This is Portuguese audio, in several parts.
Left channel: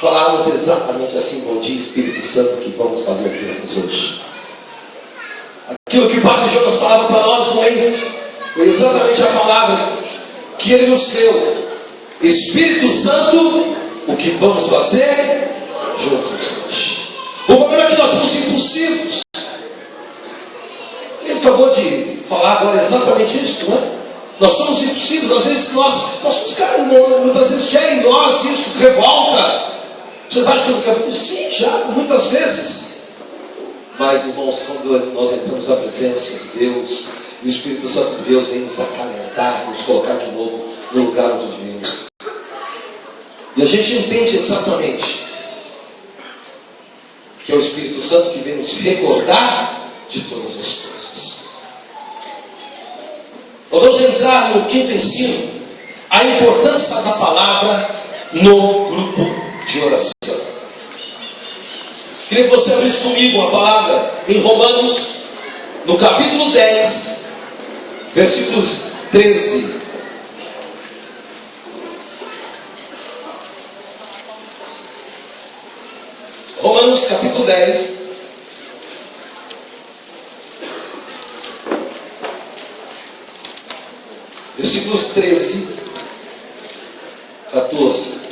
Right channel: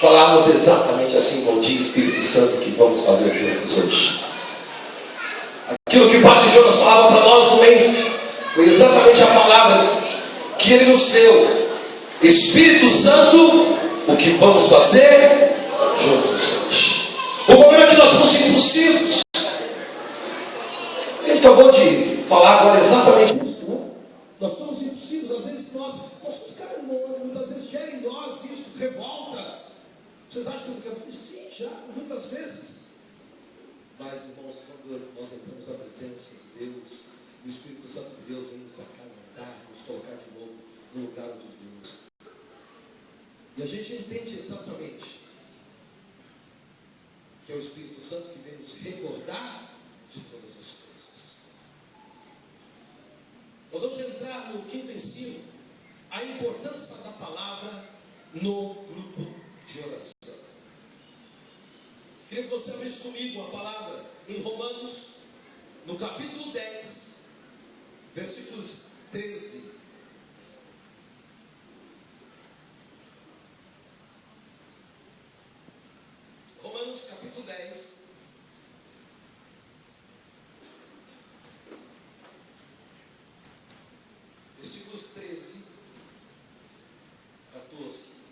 falarmos exatamente assim: bom dia, Espírito Santo, que vamos fazer juntos hoje. Aquilo que o Padre Jonas falava para nós no ENF foi exatamente a palavra que ele nos deu. Espírito Santo, o que vamos fazer juntos hoje. O problema é que nós somos impulsivos. Ele acabou de falar agora exatamente isso, não é? Nós somos impulsivos. Às vezes nós somos caras, muitas vezes gera em nós isso, revolta. Vocês acham que eu não quero fazer? Sim, já, muitas vezes. Mas, irmãos, quando nós entramos na presença de Deus, e o Espírito Santo de Deus vem nos acalentar, nos colocar de novo no lugar onde vivemos. E a gente entende exatamente que é o Espírito Santo que vem nos recordar de todas as coisas. Nós vamos entrar no quinto ensino, a importância da palavra no grupo de oração. Queria que você abrisse comigo a palavra em Romanos, no capítulo 10, versículos 13. Romanos capítulo 10, versículos 13, 14.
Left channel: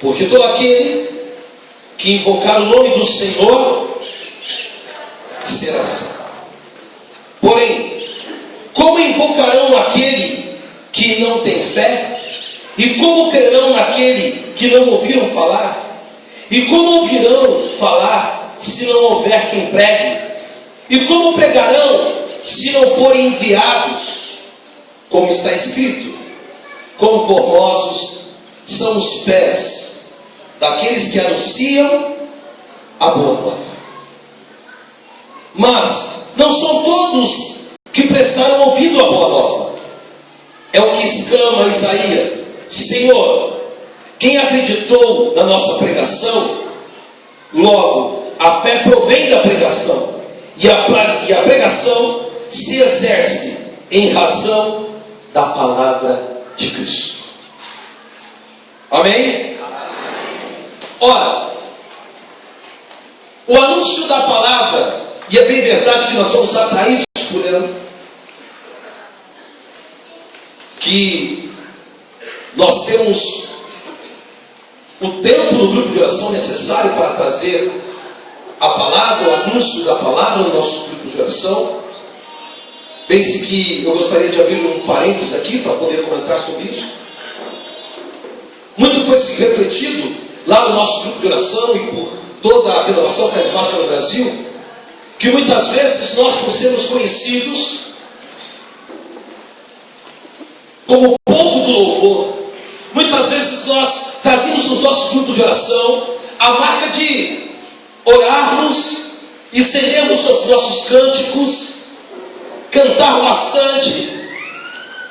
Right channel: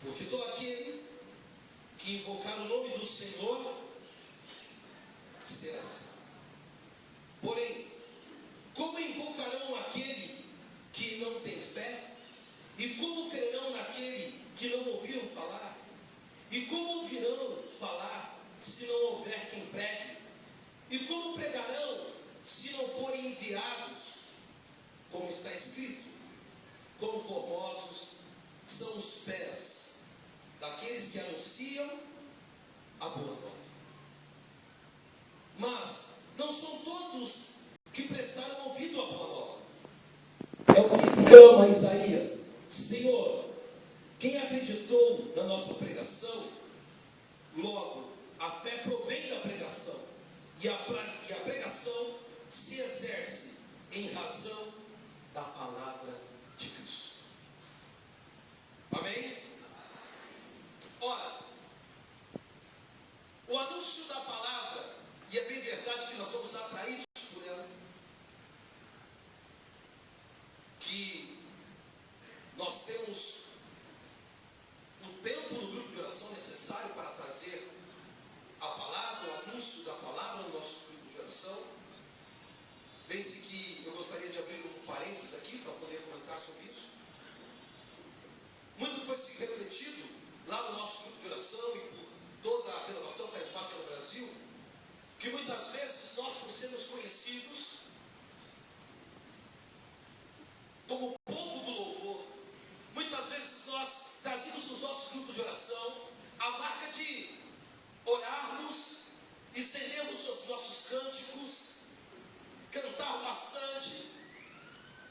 Porque todo aquele que invocar o nome do Senhor será salvo. Porém, como invocarão aquele que não tem fé? E como crerão naquele que não ouviram falar? E como ouvirão falar se não houver quem pregue? E como pregarão se não forem enviados? Como está escrito: quão formosos são os pés daqueles que anunciam a boa nova. Mas não são todos que prestaram ouvido à boa nova. É o que exclama Isaías: Senhor, quem acreditou na nossa pregação? Logo, a fé provém da pregação, e a pregação se exerce em razão da palavra de Cristo. Amém? Ora, o anúncio da palavra, e é bem verdade que nós somos atraídos por ela, que nós temos o tempo no grupo de oração necessário para trazer a palavra, o anúncio da palavra no nosso grupo de oração. Pense que eu gostaria de abrir um parênteses aqui para poder comentar sobre isso. Muito foi se refletido lá no nosso grupo de oração e por toda a renovação carismática no Brasil, que muitas vezes nós, por sermos conhecidos como povo do louvor, muitas vezes nós trazemos nos nossos grupos de oração a marca de orarmos, estendermos os nossos cânticos, cantar bastante,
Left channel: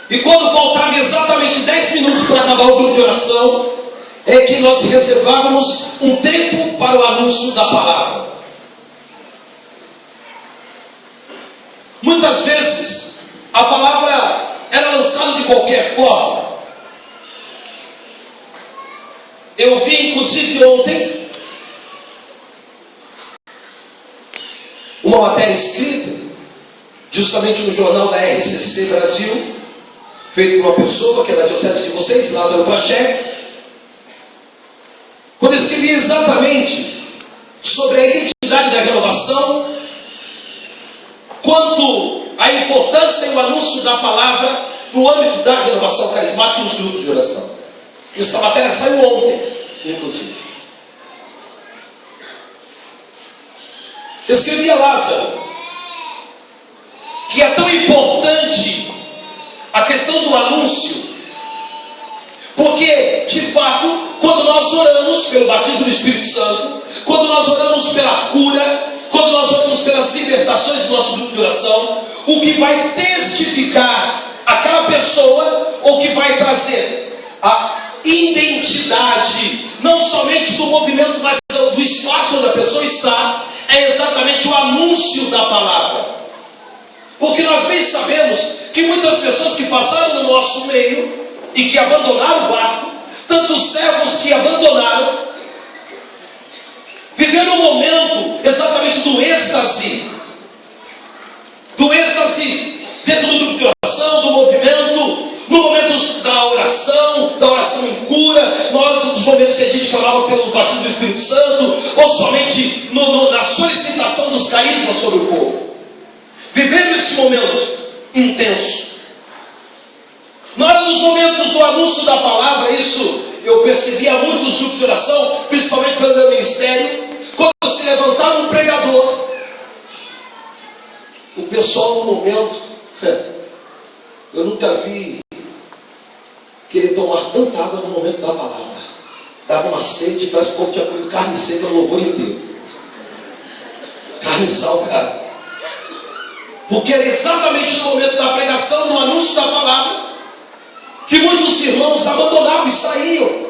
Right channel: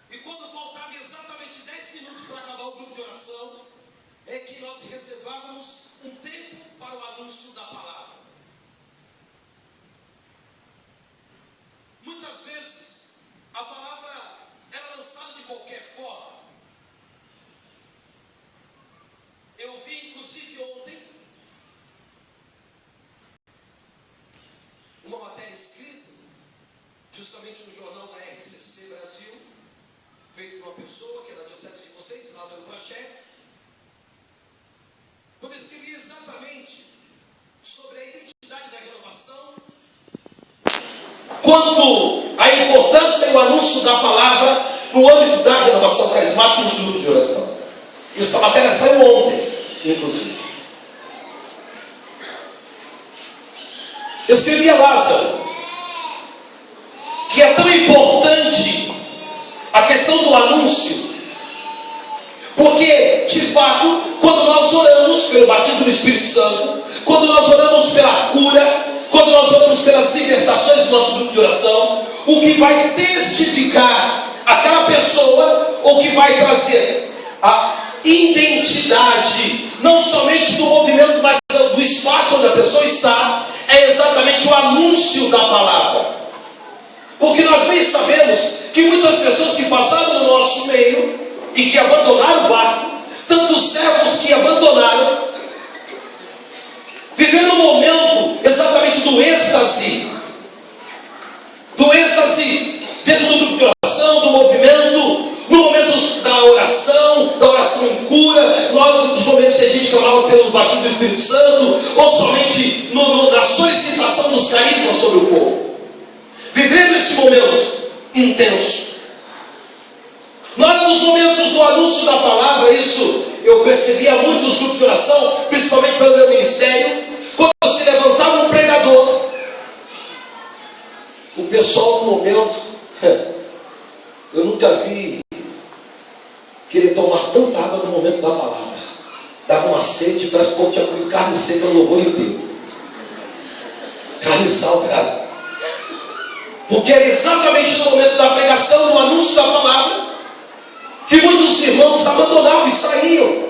e quando faltava exatamente 10 minutos para acabar o grupo de oração, é que nós reservávamos um tempo para o anúncio da palavra. Muitas vezes a palavra era lançada de qualquer forma. Eu vi inclusive ontem uma matéria escrita justamente no jornal da RCC Brasil, feito por uma pessoa que é da diocese de vocês, Lázaro Prachetes, quando escrevi exatamente sobre a identidade da renovação, quanto à importância e o anúncio da palavra no âmbito da renovação carismática nos grupos de oração. Essa matéria saiu ontem, inclusive. Escrevi a Lázaro que é tão importante a questão do anúncio, porque, de fato, quando nós oramos pelo batismo do Espírito Santo, quando nós oramos pela cura, quando nós oramos pelas libertações, apresentações do nosso grupo de oração, o que vai testificar aquela pessoa, ou que vai trazer a identidade, não somente do movimento, mas do espaço onde a pessoa está, é exatamente o anúncio da palavra. Porque nós bem sabemos que muitas pessoas que passaram no nosso meio e que abandonaram o barco, tantos servos que abandonaram, viveram um momento exatamente do êxtase dentro do grupo de oração, do movimento, no momento da oração em cura, nos momentos que a gente clamava pelo batismo do Espírito Santo, ou somente na solicitação dos carismas sobre o povo. Vivendo esse momento intenso. Na hora dos momentos do anúncio da palavra, isso eu percebia muito nos grupos de oração, principalmente pelo meu ministério, quando se levantava um pregador, o pessoal no momento, eu nunca vi querer tomar tanta água no momento da palavra. Dava uma sede, parece que o povo tinha comido carne seca no louvor inteiro. Carne salgada. Porque era exatamente no momento da pregação, do anúncio da palavra, que muitos irmãos abandonavam e saíam.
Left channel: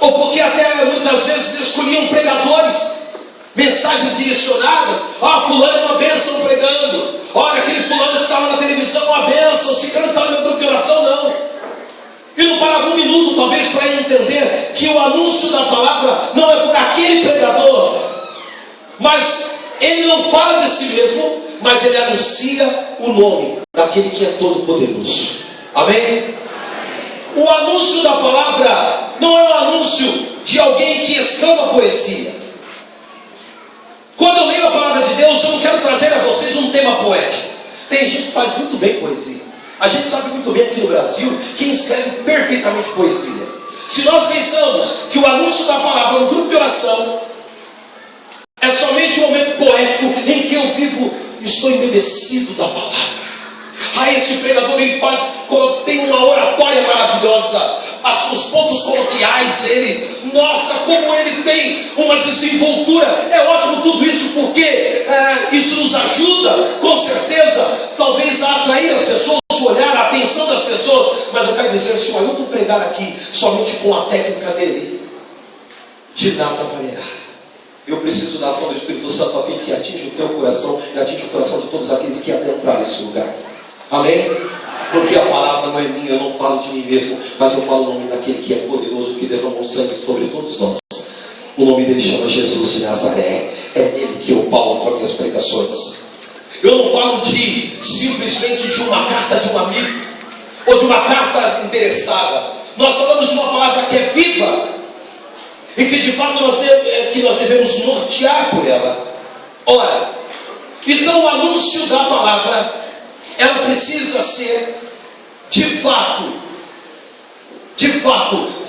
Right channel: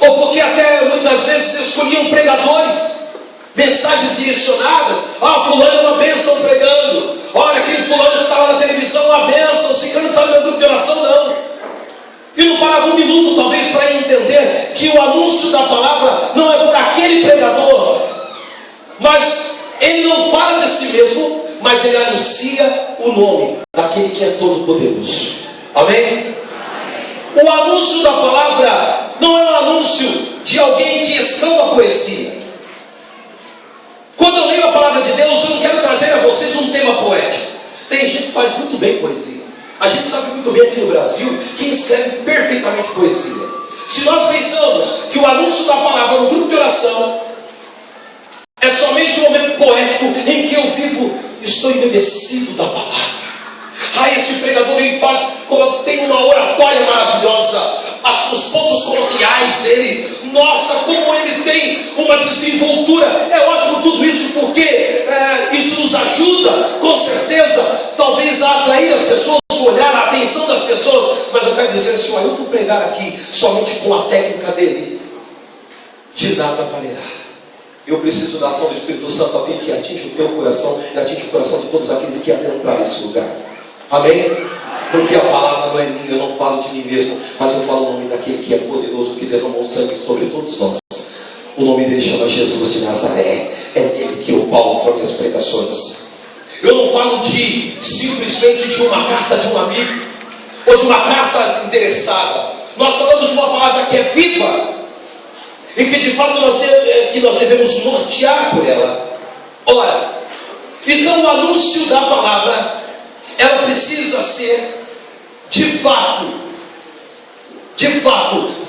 Ou porque até muitas vezes escolhiam pregadores, mensagens direcionadas. Fulano é uma bênção pregando. Olha, aquele fulano que estava na televisão, uma bênção. Se não está no meu grupo de oração, não. E não parava um minuto, talvez, para entender que o anúncio da palavra não é por aquele pregador, mas ele não fala de si mesmo, mas ele anuncia o nome daquele que é todo poderoso. Amém? O anúncio da palavra não é um anúncio de alguém que escamba poesia. Quando eu leio a palavra de Deus, eu não quero trazer a vocês um tema poético. Tem gente que faz muito bem poesia. A gente sabe muito bem aqui no Brasil quem escreve perfeitamente poesia. Se nós pensamos que o anúncio da palavra no grupo de oração é somente um momento poético em que eu vivo, estou embebecido da palavra. Esse pregador ele tem uma oratória maravilhosa, os pontos coloquiais dele, nossa, como ele tem uma desenvoltura. É ótimo tudo isso, porque isso nos ajuda, com certeza, talvez a atrair as pessoas, o olhar, a atenção das pessoas. Mas eu quero dizer, se o Ailton pregar aqui somente com a técnica dele, de nada valerá. Eu preciso da ação do Espírito Santo a fim que atinja o teu coração e atinja o coração de todos aqueles que adentrar nesse lugar. Amém? Porque a palavra não é minha, eu não falo de mim mesmo, mas eu falo o nome daquele que é poderoso, que derramou sangue sobre todos nós. O nome dele chama Jesus de Nazaré. É nele que eu pauto as minhas pregações. Eu não falo simplesmente de uma carta de um amigo, ou de uma carta interessada. Nós falamos de uma palavra que é viva, e que de fato nós devemos nortear por ela. Ora, então o anúncio da palavra, ela precisa ser de fato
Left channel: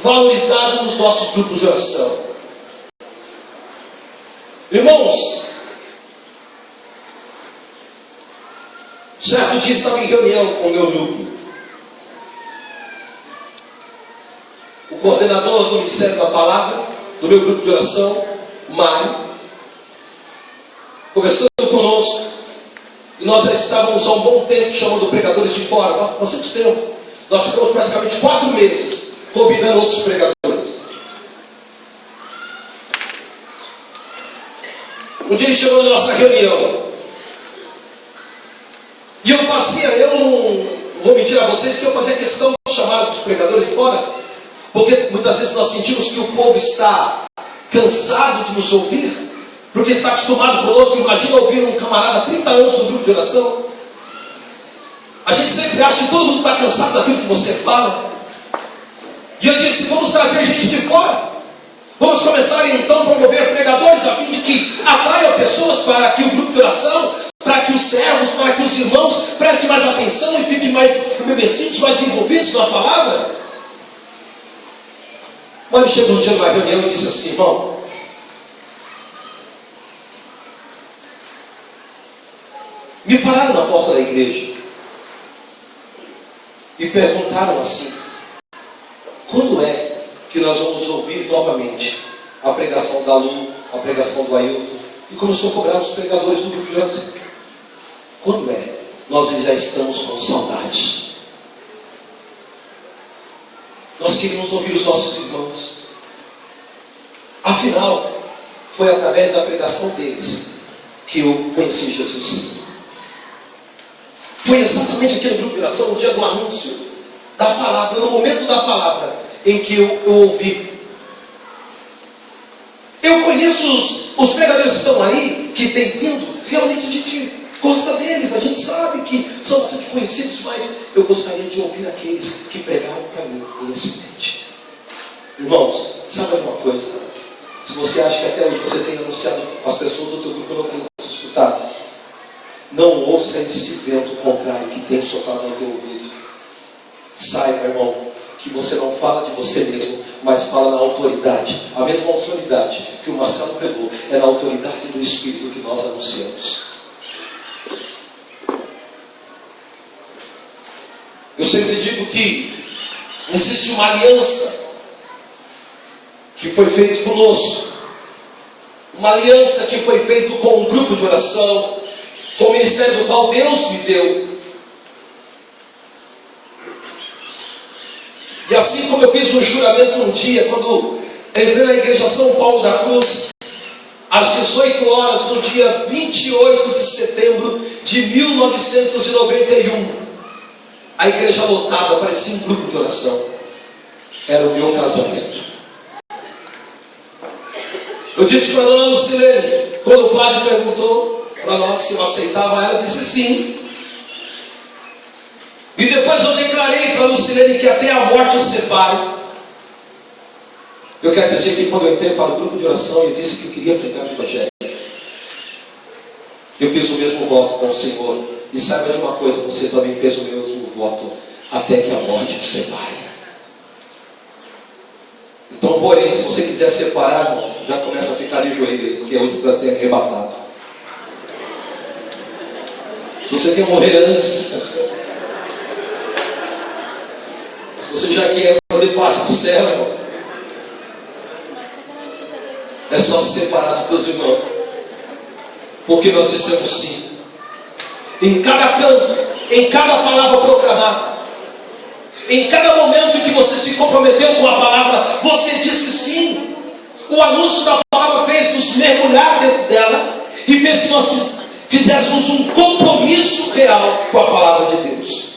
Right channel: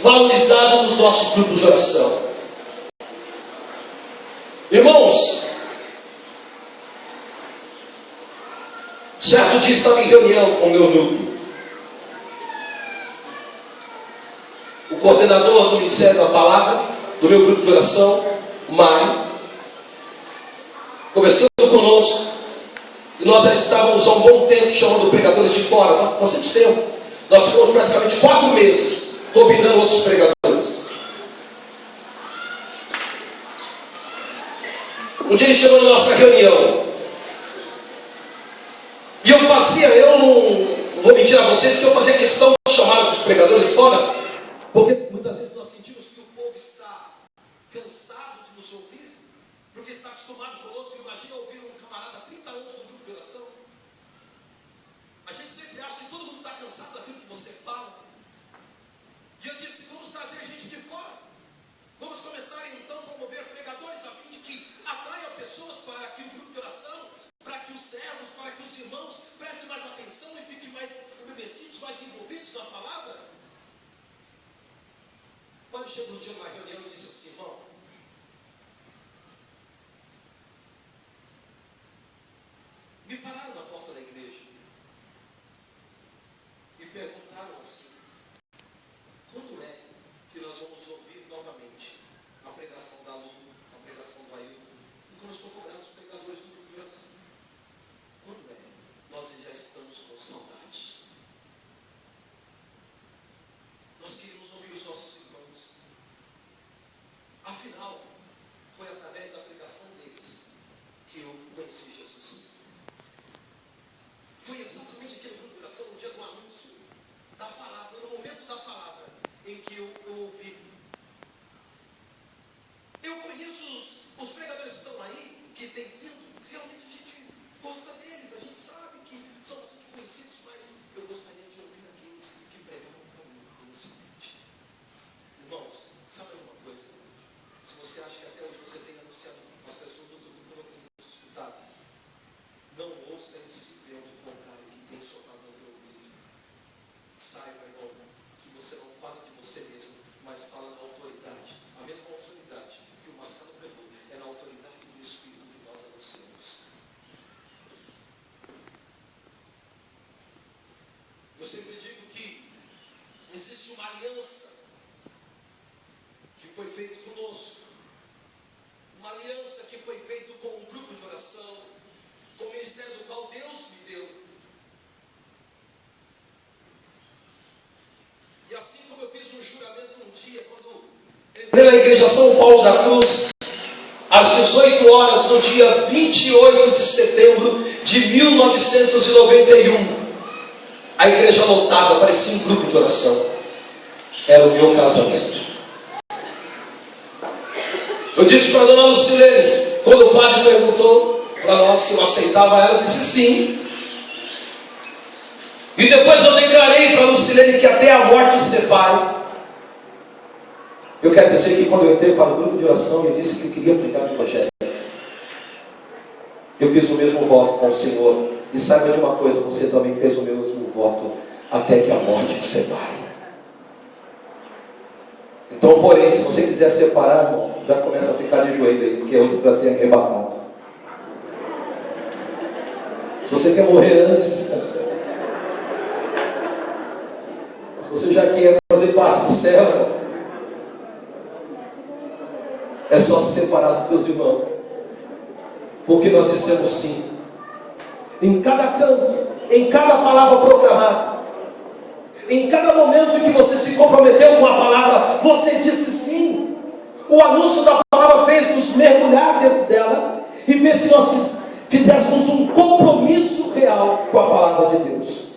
valorizado nos nossos grupos de oração. Irmãos, certo dia estava em reunião com o meu grupo. O coordenador do Ministério da Palavra, do meu grupo de oração, Mário, conversando conosco. E nós já estávamos há um bom tempo chamando pregadores de fora. Nós temos tempo. Nós ficamos praticamente 4 meses convidando outros pregadores. Um dia ele chegou na nossa reunião. E eu não vou mentir a vocês, que eu fazia questão de chamar os pregadores de fora, porque muitas vezes nós sentimos que o povo está cansado de nos ouvir, porque está acostumado conosco. Imagina ouvir um camarada há 30 anos no grupo de oração. A gente sempre acha que todo mundo está cansado daquilo que você fala. E eu disse, vamos trazer gente de fora. Vamos começar então a promover pregadores, a fim de que atraiam pessoas para que o grupo de oração, para que os servos, para que os irmãos prestem mais atenção e fiquem mais embebecidos, mais envolvidos na palavra. Mas ele chegou um dia numa reunião e disse assim: irmão, me pararam na porta da igreja e perguntaram assim: quando é que nós vamos ouvir novamente a pregação da Lu, a pregação do Ailton? E começou a cobrar os pregadores do grupo de oração. Quando é? Nós já estamos com saudade. Nós queríamos ouvir os nossos irmãos. Afinal, foi através da pregação deles que eu conheci Jesus. Foi exatamente aqui no grupo de oração, no dia do anúncio da palavra, no momento da palavra, em que eu ouvi. Eu conheço os pregadores que estão aí, que têm vindo, realmente a gente gosta deles, a gente sabe que são bastante conhecidos, mas eu gostaria de ouvir aqueles que pregaram para mim nesse momento. Irmãos, sabe alguma coisa? Se você acha que até hoje você tem anunciado, as pessoas do teu grupo não têm escutado, não ouça esse vento contrário que tem soprado no teu ouvido. Saiba, irmão, que você não fala de você mesmo, mas fala na autoridade. A mesma autoridade que o Marcelo pregou é na autoridade do Espírito que nós anunciamos. Eu sempre digo que existe uma aliança que foi feita conosco, uma aliança que foi feita com um grupo de oração, com o ministério do qual Deus me deu. E assim como eu fiz um juramento um dia, quando entrei na igreja São Paulo da Cruz, às 18 horas, no dia 28 de setembro de 1991, a igreja lotada, parecia um grupo de oração. Era o meu casamento. Eu disse para a dona Lucilene, quando o padre perguntou para nós se eu aceitava ela, eu disse sim. E depois eu declarei para a Lucilene que até a morte os separe. Eu quero dizer que quando eu entrei para o grupo de oração, eu disse que eu queria pregar o Evangelho. Eu fiz o mesmo voto com o Senhor. E saiba de uma coisa, você também fez o mesmo voto, até que a morte os separe. Então, porém, se você quiser separar, irmão, já começa a ficar de joelho aí, porque hoje vai ser arrebatado. Se você quer morrer antes, se você já quer fazer parte do céu, irmão, é só se separar dos teus irmãos. Porque nós dissemos sim. Em cada canto, em cada palavra proclamada, em cada momento que você se comprometeu com a palavra, você disse sim. O anúncio da palavra fez nos mergulhar dentro dela e fez que nós fizéssemos um compromisso real com a palavra de Deus.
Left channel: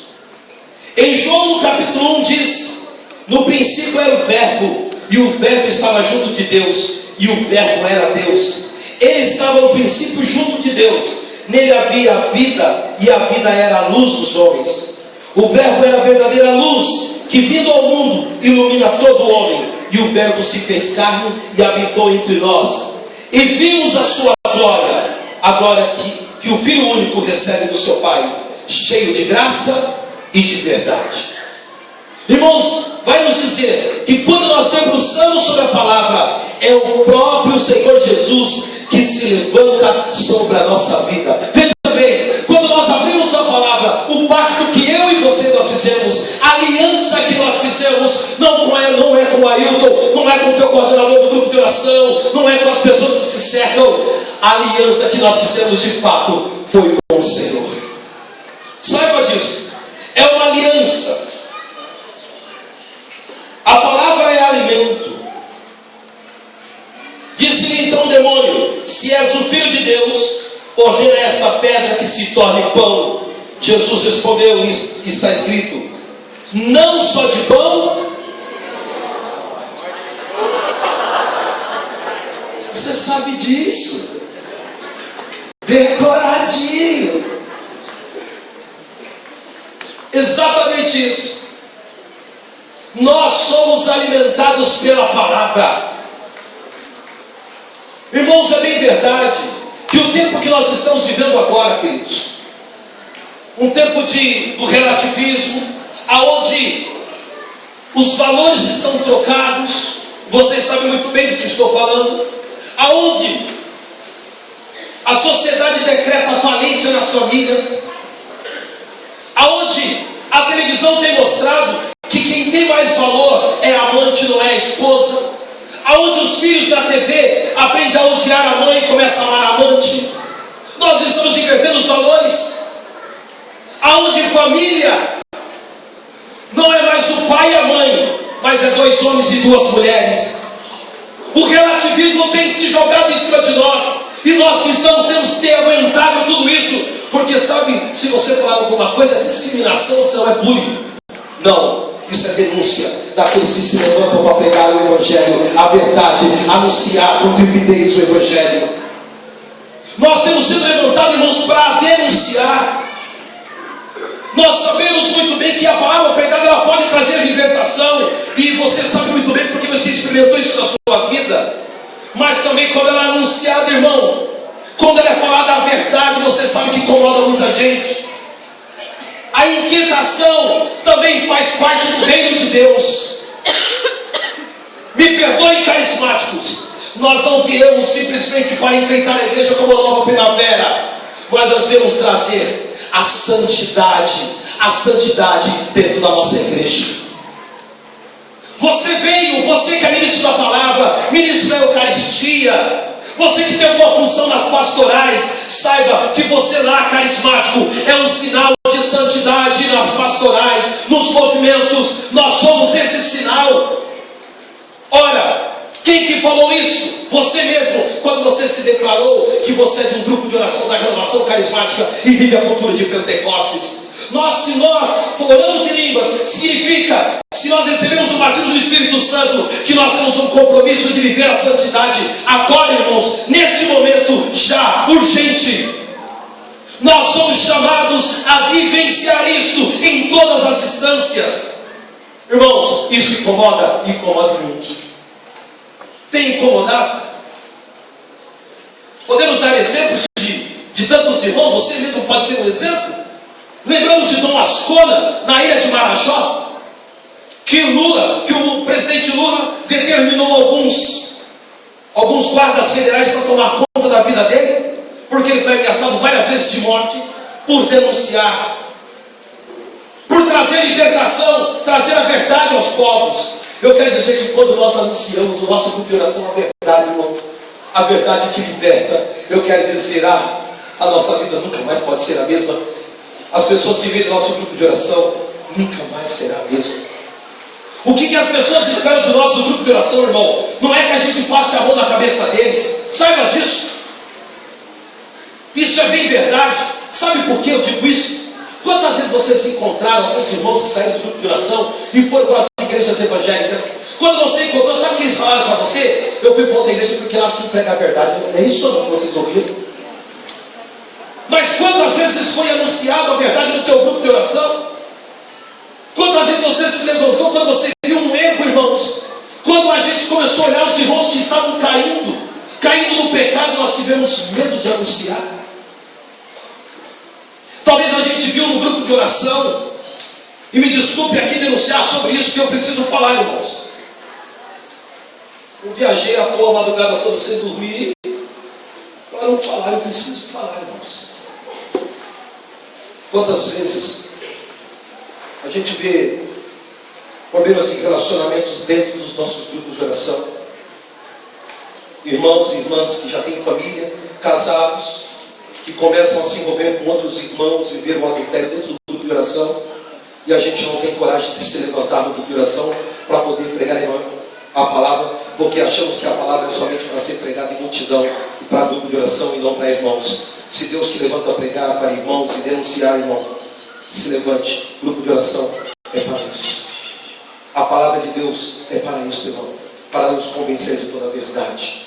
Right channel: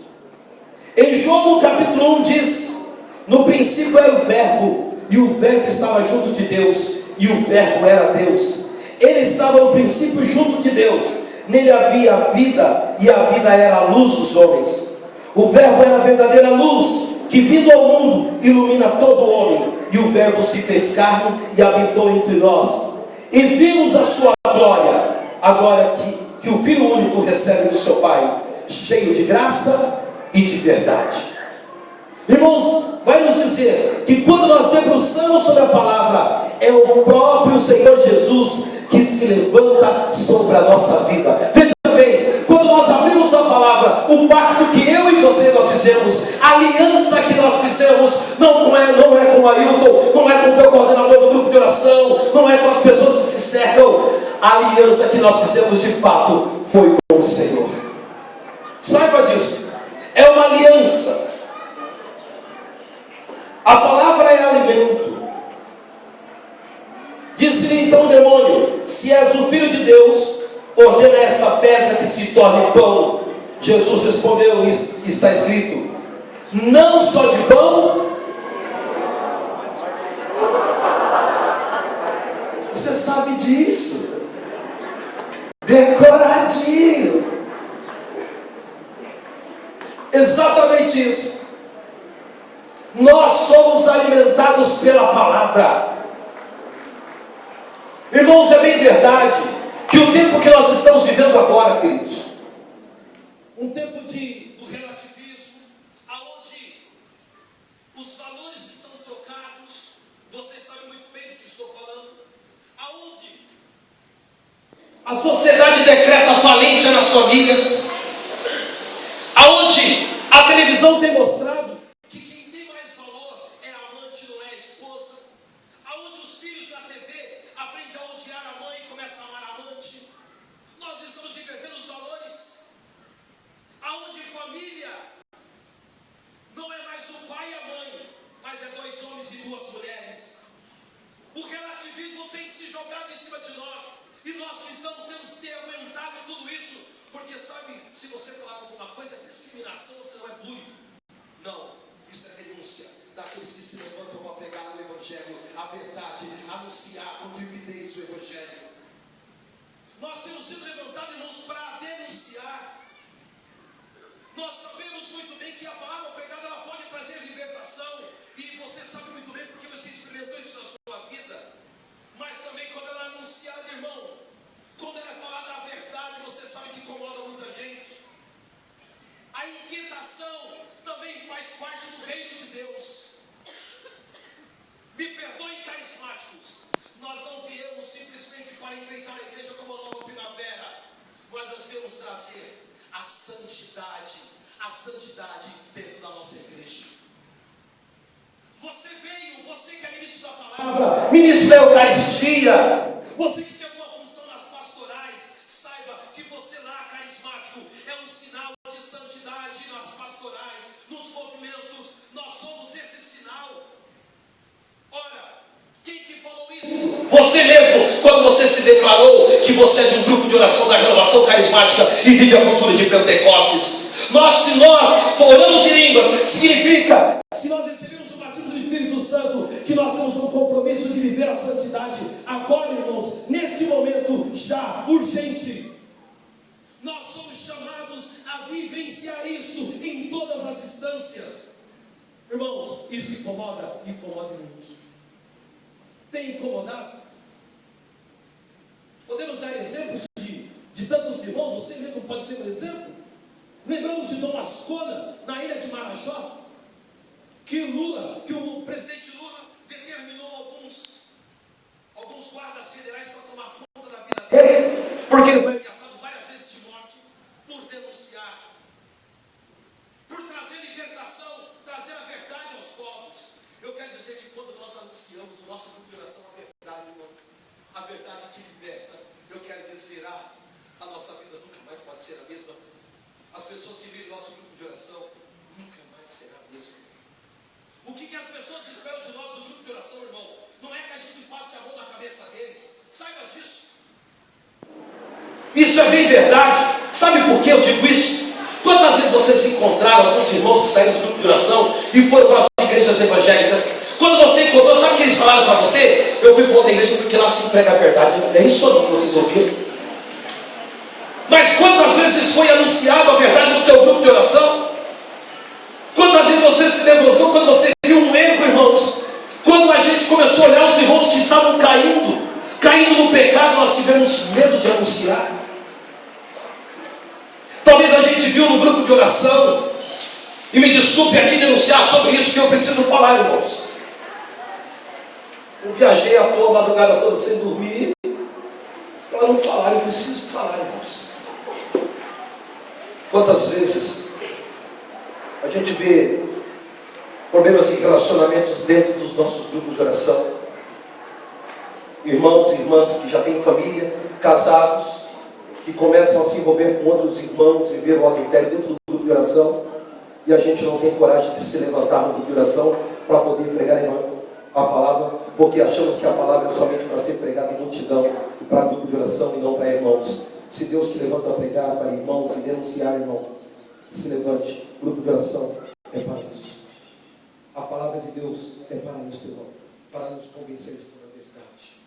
Em João no capítulo 1 diz: no princípio era o verbo, e o verbo estava junto de Deus, e o verbo era Deus. Ele estava no princípio junto de Deus. Nele havia a vida, e a vida era a luz dos homens. O verbo era a verdadeira luz, que vindo ao mundo ilumina todo homem. E o verbo se fez carne e habitou entre nós. E vimos a sua glória, a glória que o Filho único recebe do seu Pai, cheio de graça e de verdade. Irmãos, vai nos dizer que quando nós debruçamos sobre a palavra, é o próprio Senhor Jesus que se levanta sobre a nossa vida. Veja bem, quando nós abrimos a palavra, o pacto que eu e você nós fizemos, a aliança que nós fizemos, não é com o Ailton, não é com o teu coordenador do grupo de oração, não é com as pessoas que se cercam. A aliança que nós fizemos de fato foi com o Senhor. Saiba disso. É uma aliança. A palavra é alimento. Disse-lhe então o demônio: se és o Filho de Deus, ordena esta pedra que se torne pão. Jesus respondeu, e está escrito: não só de pão. Você sabe disso? Decoradinho. Exatamente isso. Nós somos alimentados pela palavra. Irmãos, é bem verdade que o tempo que nós estamos vivendo agora, queridos, um tempo do relativismo, aonde os valores estão trocados, vocês sabem muito bem do que estou falando, aonde a sociedade decreta falência nas famílias, aonde a televisão tem mostrado que quem tem mais valor é a amante, não é a esposa, aonde os filhos da TV aprendem a odiar a mãe e começam a amar a amante. Nós estamos invertendo os valores. aonde família não é mais o pai e a mãe, mas é 2 homens e 2 mulheres. O relativismo tem se jogado em cima de nós, e nós cristãos temos que ter aguentado tudo isso, porque sabe, se você falar alguma coisa é discriminação, você não é bullying. Não, isso é denúncia daqueles que se levantam para pregar o Evangelho, a verdade, anunciar com trepidez o Evangelho. Nós temos sido levantados, irmãos, para denunciar. Nós sabemos muito bem que a palavra pregada ela pode trazer libertação, e você sabe muito bem porque você experimentou isso na sua vida. Mas também quando ela é anunciada, irmão, quando ela é falada a verdade, você sabe que incomoda muita gente. A inquietação também faz parte do reino de Deus. Me perdoem, carismáticos, nós não viemos simplesmente para enfeitar a igreja como uma nova primavera, mas nós viemos trazer a santidade dentro da nossa igreja. Você veio, você que é ministro da palavra, ministro da Eucaristia, você que tem alguma função nas pastorais, saiba que você lá, carismático, é um sinal de santidade nas pastorais, nos movimentos. Nós somos esse sinal. Ora, quem que falou isso? Você mesmo, quando você se declarou que você é de um grupo de oração da renovação carismática e vive a cultura de Pentecostes. Se nós oramos em línguas, significa, se nós recebemos o batismo do Espírito Santo, que nós temos um compromisso de viver a santidade agora, irmãos, nesse momento já urgente. Nós somos chamados a vivenciar isso em todas as instâncias. Irmãos, isso incomoda muito. Tem incomodado? Podemos dar exemplos de tantos irmãos, você mesmo pode ser um exemplo. Lembramos de Dom Ascona, na ilha de Marajó, que o presidente Lula determinou alguns guardas federais para tomar conta da vida dele, porque ele foi ameaçado várias vezes de morte, por denunciar, por trazer libertação, trazer a verdade aos povos. Eu quero dizer que quando nós anunciamos o nosso grupo de oração a verdade, irmãos, a verdade que liberta, eu quero dizer, a nossa vida nunca mais pode ser a mesma. As pessoas que vêm do nosso grupo de oração nunca mais será a mesma. O que as pessoas esperam de nós do grupo de oração, irmão? Não é que a gente passe a mão na cabeça deles. Saiba disso. Isso é bem verdade. Sabe por que eu digo isso? Quantas vezes vocês encontraram alguns irmãos que saíram do grupo de oração e foram para as igrejas evangélicas? Quando você encontrou, sabe o que eles falaram para você? Eu fui para outra igreja porque lá se prega a verdade. É isso ou não que vocês ouviram? Mas quantas vezes foi anunciado a verdade no teu grupo de oração? Quantas vezes você se levantou quando você viu um erro, irmãos? Quando a gente começou a olhar os irmãos que estavam caindo no pecado, nós tivemos medo de anunciar. Talvez a gente viu no grupo de oração, e me desculpe aqui denunciar sobre isso que eu preciso falar, irmãos. Eu viajei à toa a madrugada toda sem dormir, para não falar, eu preciso falar, irmãos. Quantas vezes a gente vê problemas em relacionamentos dentro dos nossos grupos de oração? Irmãos e irmãs que já têm família, casados, que começam a se envolver com outros irmãos, viver o adultério dentro do grupo de oração, e a gente não tem coragem de se levantar no grupo de oração para poder pregar a palavra, porque achamos que a palavra é somente para ser pregada em multidão, e para grupo de oração e não para irmãos. Se Deus te levanta a pregar para irmãos e denunciar, irmão, se levante. Grupo de oração é para isso. A palavra de Deus é para isso, irmão, para nos convencer de toda a verdade.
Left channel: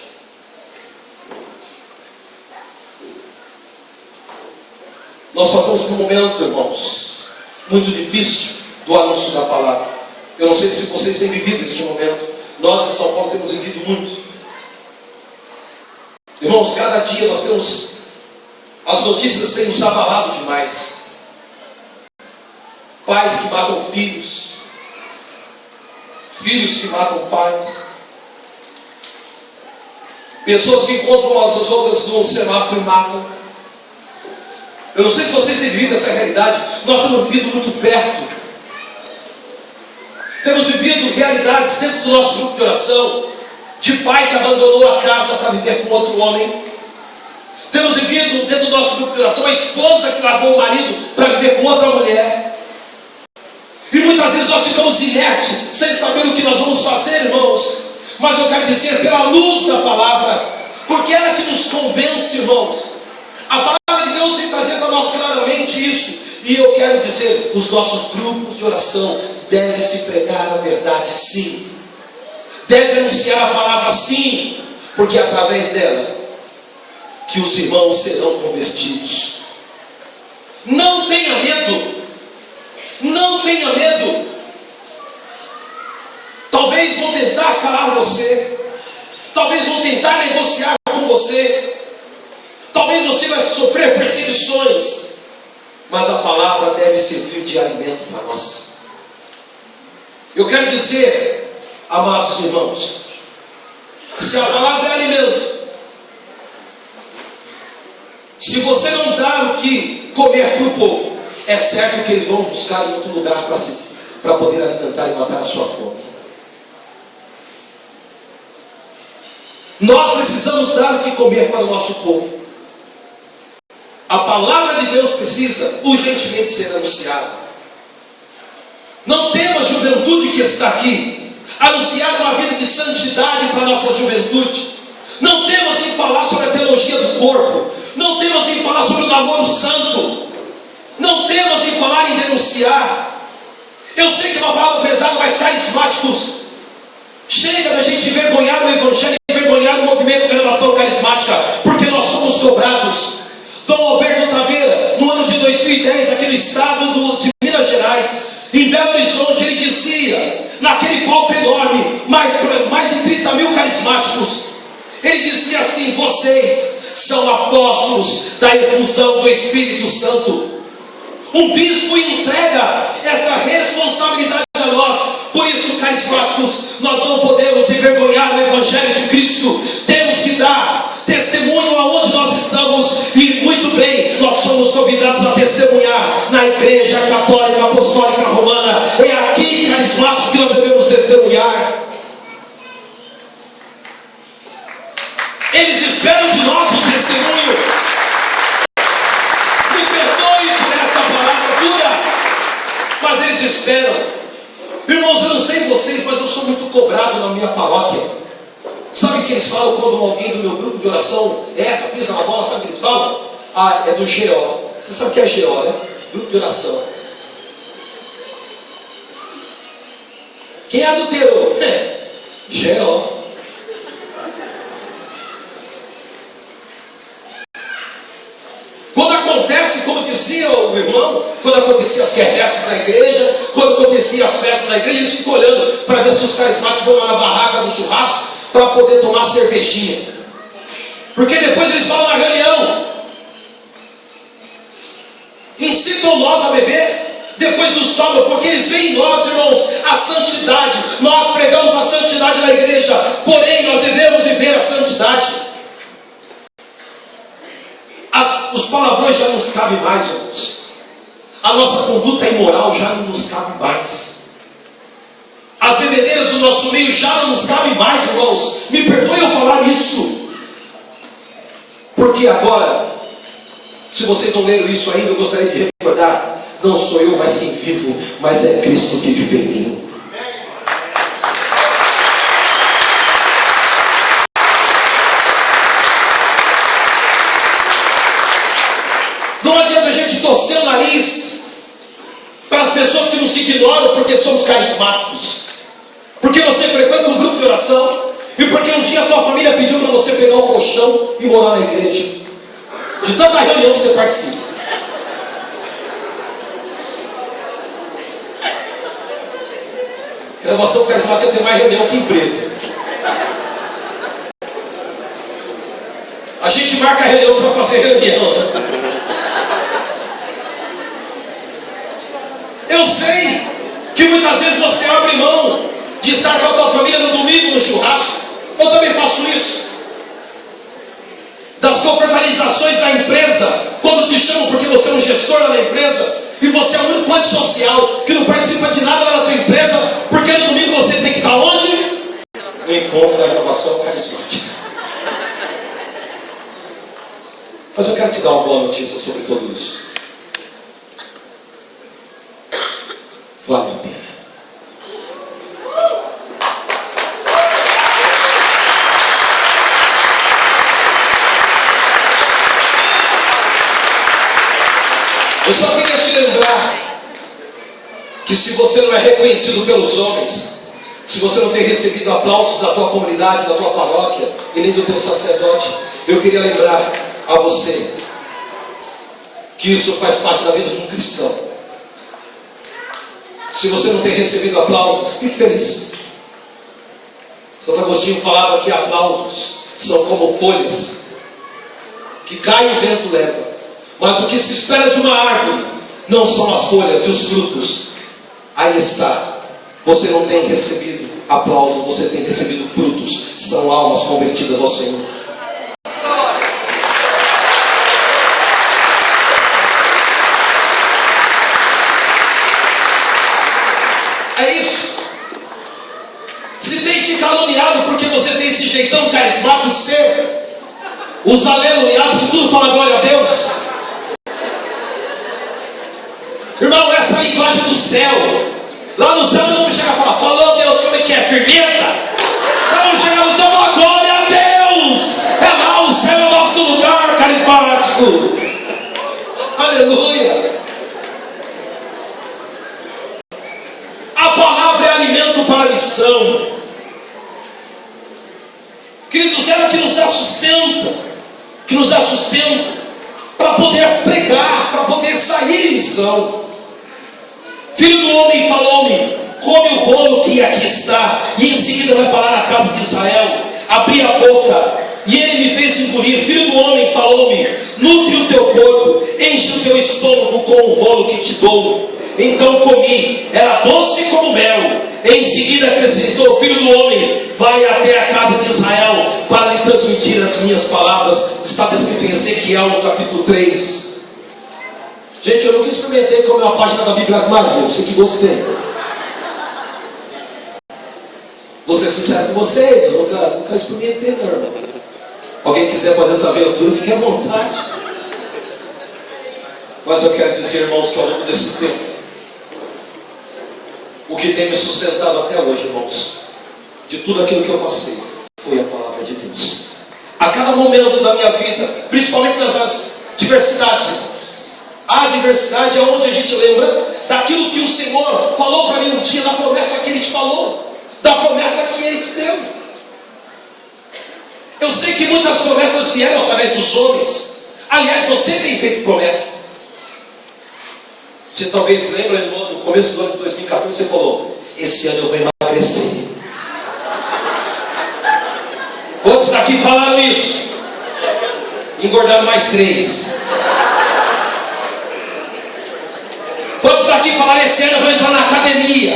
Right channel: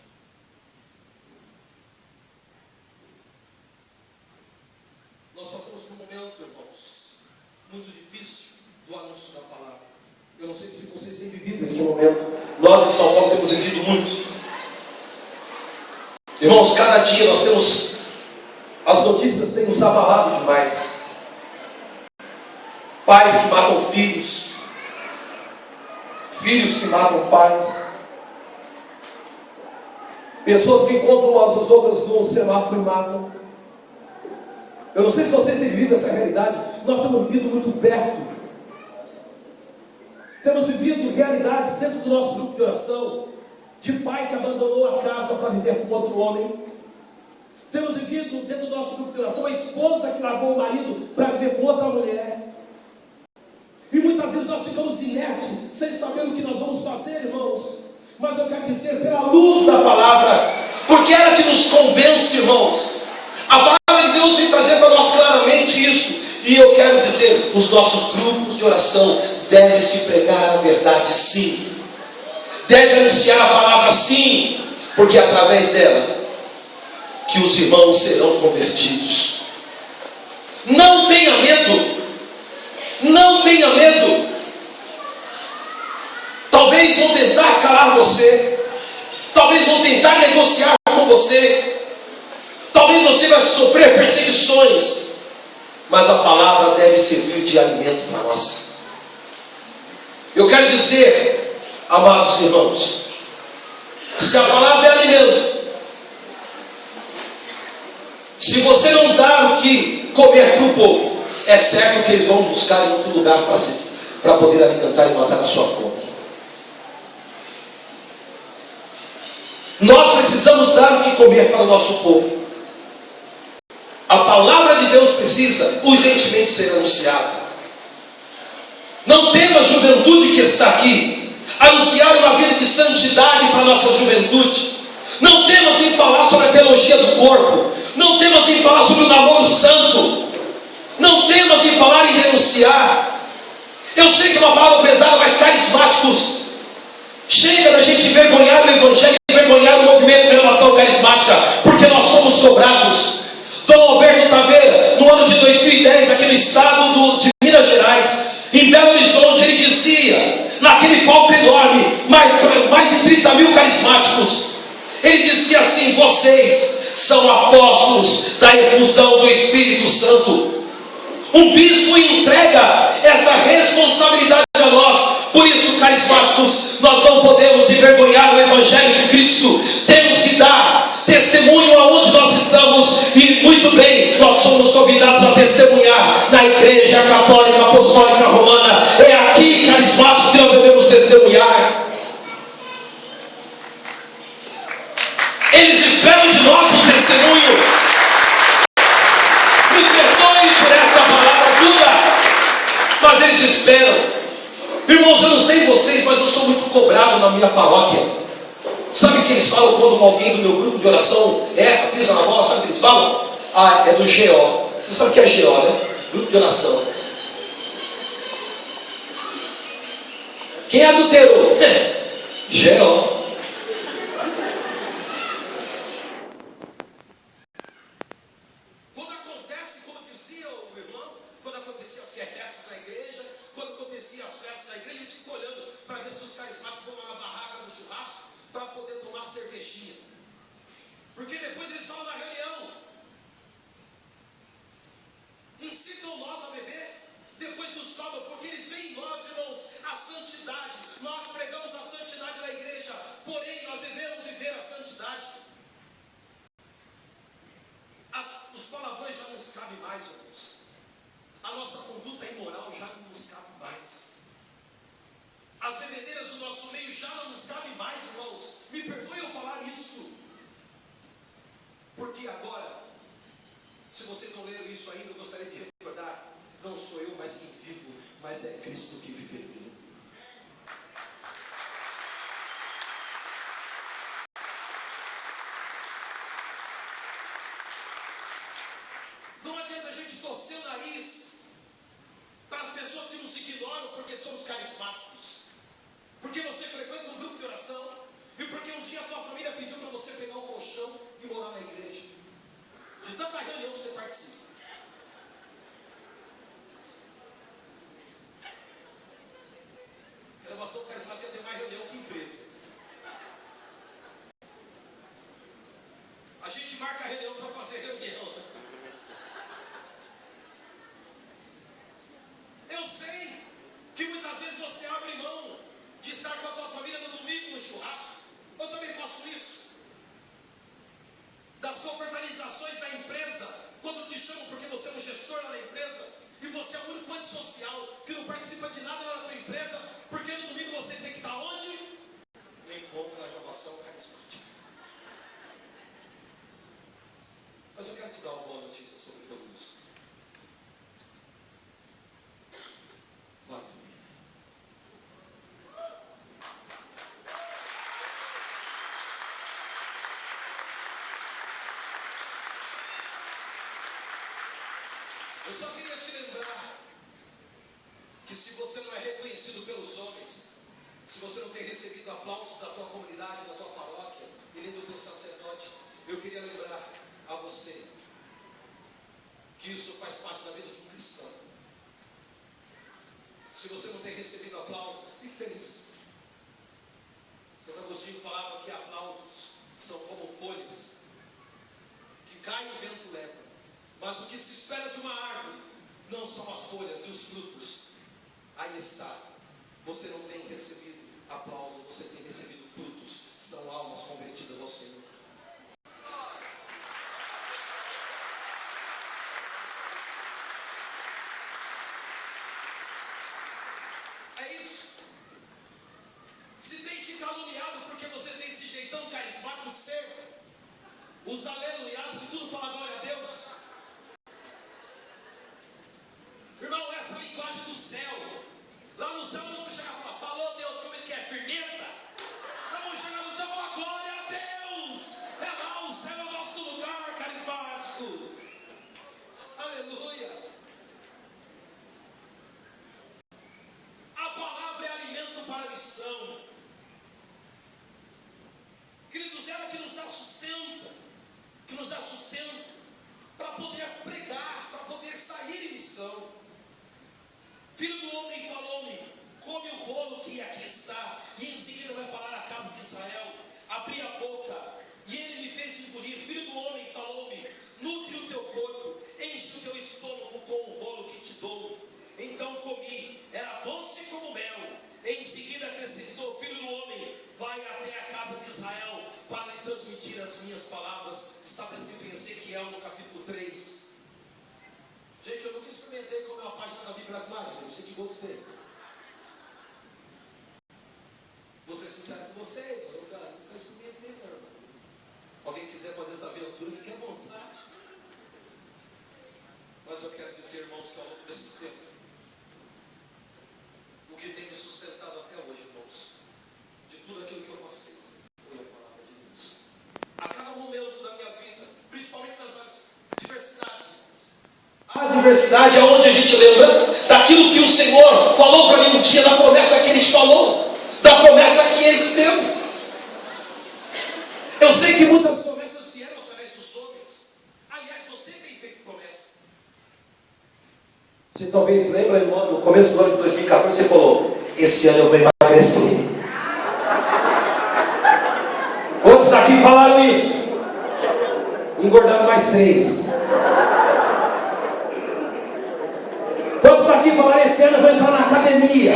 Nós passamos por um momento, irmãos, muito difícil do anúncio da palavra. Eu não sei se vocês têm vivido este momento. Nós em São Paulo temos vivido muito. Irmãos, cada dia nós temos... As notícias têm nos abalado demais. Pais que matam filhos, filhos que matam pais, pessoas que encontram umas às outras num semáforo e matam. Eu não sei se vocês têm vivido essa realidade. Nós temos vivido muito perto. Temos vivido realidades dentro do nosso grupo de oração, de pai que abandonou a casa para viver com outro homem. Temos vivido dentro do nosso grupo de oração a esposa que largou o marido para viver com outra outra mulher. E muitas vezes nós ficamos inertes, sem saber o que nós vamos fazer, irmãos. Mas eu quero dizer, pela luz da palavra, porque ela que nos convence, irmãos. A palavra de Deus vem trazer para nós claramente isso. E eu quero dizer, os nossos grupos de oração devem se pregar a verdade, sim. Deve anunciar a palavra, sim, porque é através dela que os irmãos serão convertidos. Não tenha medo, não tenha medo. Talvez vão tentar calar você, talvez vão tentar negociar com você, talvez você vai sofrer perseguições, mas a palavra deve servir de alimento para nós. Eu quero dizer, amados irmãos, se a palavra é alimento, se você não dar o que comer para o povo, é certo que eles vão buscar em outro lugar para poder alimentar e matar a sua fome. Nós precisamos dar o que comer para o nosso povo. A palavra de Deus precisa urgentemente ser anunciada. Não tema a juventude que está aqui, anunciar uma vida de santidade para a nossa juventude. Não temas em falar sobre a teologia do corpo. Não temas em falar sobre o namoro santo. Não temas em falar em denunciar. Eu sei que é uma palavra pesada, mas carismáticos, chega da gente envergonhar o evangelho, envergonhar o movimento de renovação carismática, porque nós somos cobrados. Dom Alberto Taveira, no ano de 2010, aqui no estado de Minas Gerais, em Belo Horizonte, ele dizia, naquele palco enorme, mais de 30 mil carismáticos, ele dizia assim: vocês são apóstolos da efusão do Espírito Santo. Um bispo entrega essa responsabilidade a nós. Por isso, carismáticos, nós não podemos envergonhar o Evangelho de Cristo. Temos que dar testemunho aonde nós estamos. E muito bem, nós somos convidados a testemunhar na Igreja Católica Apostólica Romana. É aqui, carismático, que nós devemos testemunhar. Eles esperam de nós um testemunho. Me perdoe por essa palavra dura, mas eles esperam. Irmãos, eu não sei vocês, mas eu sou muito cobrado na minha paróquia. Sabe o que eles falam quando alguém do meu grupo de oração erra, pisa na bola? Sabe o que eles falam? Ah, é do GO. Você sabe o que é GO, né? Grupo de oração. Quem adulterou? GO. Quando acontece, como dizia o irmão, quando acontecia as quermesses na igreja, quando acontecia as festas na igreja, eles ficam olhando para ver se os carismáticos vão lá na barraca do churrasco para poder tomar cervejinha. Porque depois eles falam na reunião, incitam nós a beber, depois nos tomam, porque eles veem em nós, irmãos, a santidade. Nós pregamos a santidade na igreja, porém nós devemos viver a santidade. Os palavrões já não nos cabem mais, irmãos. A nossa conduta imoral já não nos cabe mais. As bebedeiras do nosso meio já não nos cabem mais, irmãos. Me perdoe eu falar isso. Porque agora, se vocês não leram isso ainda, eu gostaria de recordar: não sou eu mais quem vivo, mas é Cristo que vive em mim. Não adianta a gente torcer o nariz para as pessoas que nos ignoram porque somos carismáticos, porque você frequenta um grupo de oração, e porque um dia a tua família pediu para você pegar o colchão e morar na igreja, de tanta reunião que você participa. Renovação carismática tem mais reunião que empresa. A gente marca a reunião para fazer reunião, né? Eu sei que muitas vezes você abre mão de estar com a tua família no domingo no churrasco. Eu também faço isso. Das confraternizações da empresa, quando te chamam porque você é um gestor lá na empresa, e você é o único antissocial que não participa de nada lá na tua empresa, porque no domingo você tem que estar onde? No encontro da renovação carismática. Mas eu quero te dar uma boa notícia sobre tudo isso. vale a pena. Eu só queria te lembrar que se você não é reconhecido pelos homens, se você não tem recebido aplausos da tua comunidade, da tua paróquia e nem do teu sacerdote, eu queria lembrar a você que isso faz parte da vida de um cristão. Se você não tem recebido aplausos, fique feliz. Santo Agostinho falava que aplausos são como folhas que caem e o vento leva. Mas o que se espera de uma árvore não são as folhas e os frutos. Aí está. Você não tem recebido aplausos, você tem recebido frutos. São almas convertidas ao Senhor. É isso. Se tem te caluniado porque você tem esse jeitão carismático de ser, os aleluiados que tudo fala glória a Deus. Irmão, essa é a linguagem do céu. Lá no céu não vamos chegar a falar, falou Deus, como é que é? Firmeza? Não vamos chegar no céu e falar, glória a Deus. É lá, o céu é o nosso lugar carismático. Aleluia. A palavra é alimento para a missão. Queridos, ela que nos dá sustento, para poder pregar, para poder sair em missão. Filho do homem falou-me, come o rolo que aqui está, e em seguida vai falar à casa de Israel. Abri a boca, e ele me fez engolir. Filho do homem falou-me, nutre o teu corpo, enche o teu estômago com o rolo que te dou. Então comi, era doce como mel. Em seguida acrescentou, filho do homem, vai até a casa de Israel para lhe transmitir as minhas palavras. Está descrito em Ezequiel no capítulo 3. Gente, eu nunca experimentei comer uma página da Bíblia Ave Maria, eu sei que gostei. Vou ser sincero com vocês, eu nunca experimentei não, irmão. Alguém quiser fazer essa aventura, fique à vontade. Mas eu quero dizer, irmãos, que ao longo desse tempo, o que tem me sustentado até hoje, irmãos, de tudo aquilo que eu passei, foi a palavra de Deus. A cada momento da minha vida, principalmente nas diversidades, irmãos. A diversidade é onde a gente lembra daquilo que o Senhor falou para mim um dia, da promessa que Ele te falou, da promessa que Ele te deu. Eu sei que muitas promessas vieram através dos homens. Aliás, você tem feito promessa. Você talvez lembra, no começo do ano de 2014, você falou, esse ano eu vou emagrecer. Outros daqui falaram isso. Engordando mais 3. Outros daqui falaram, esse ano eu vou entrar na academia.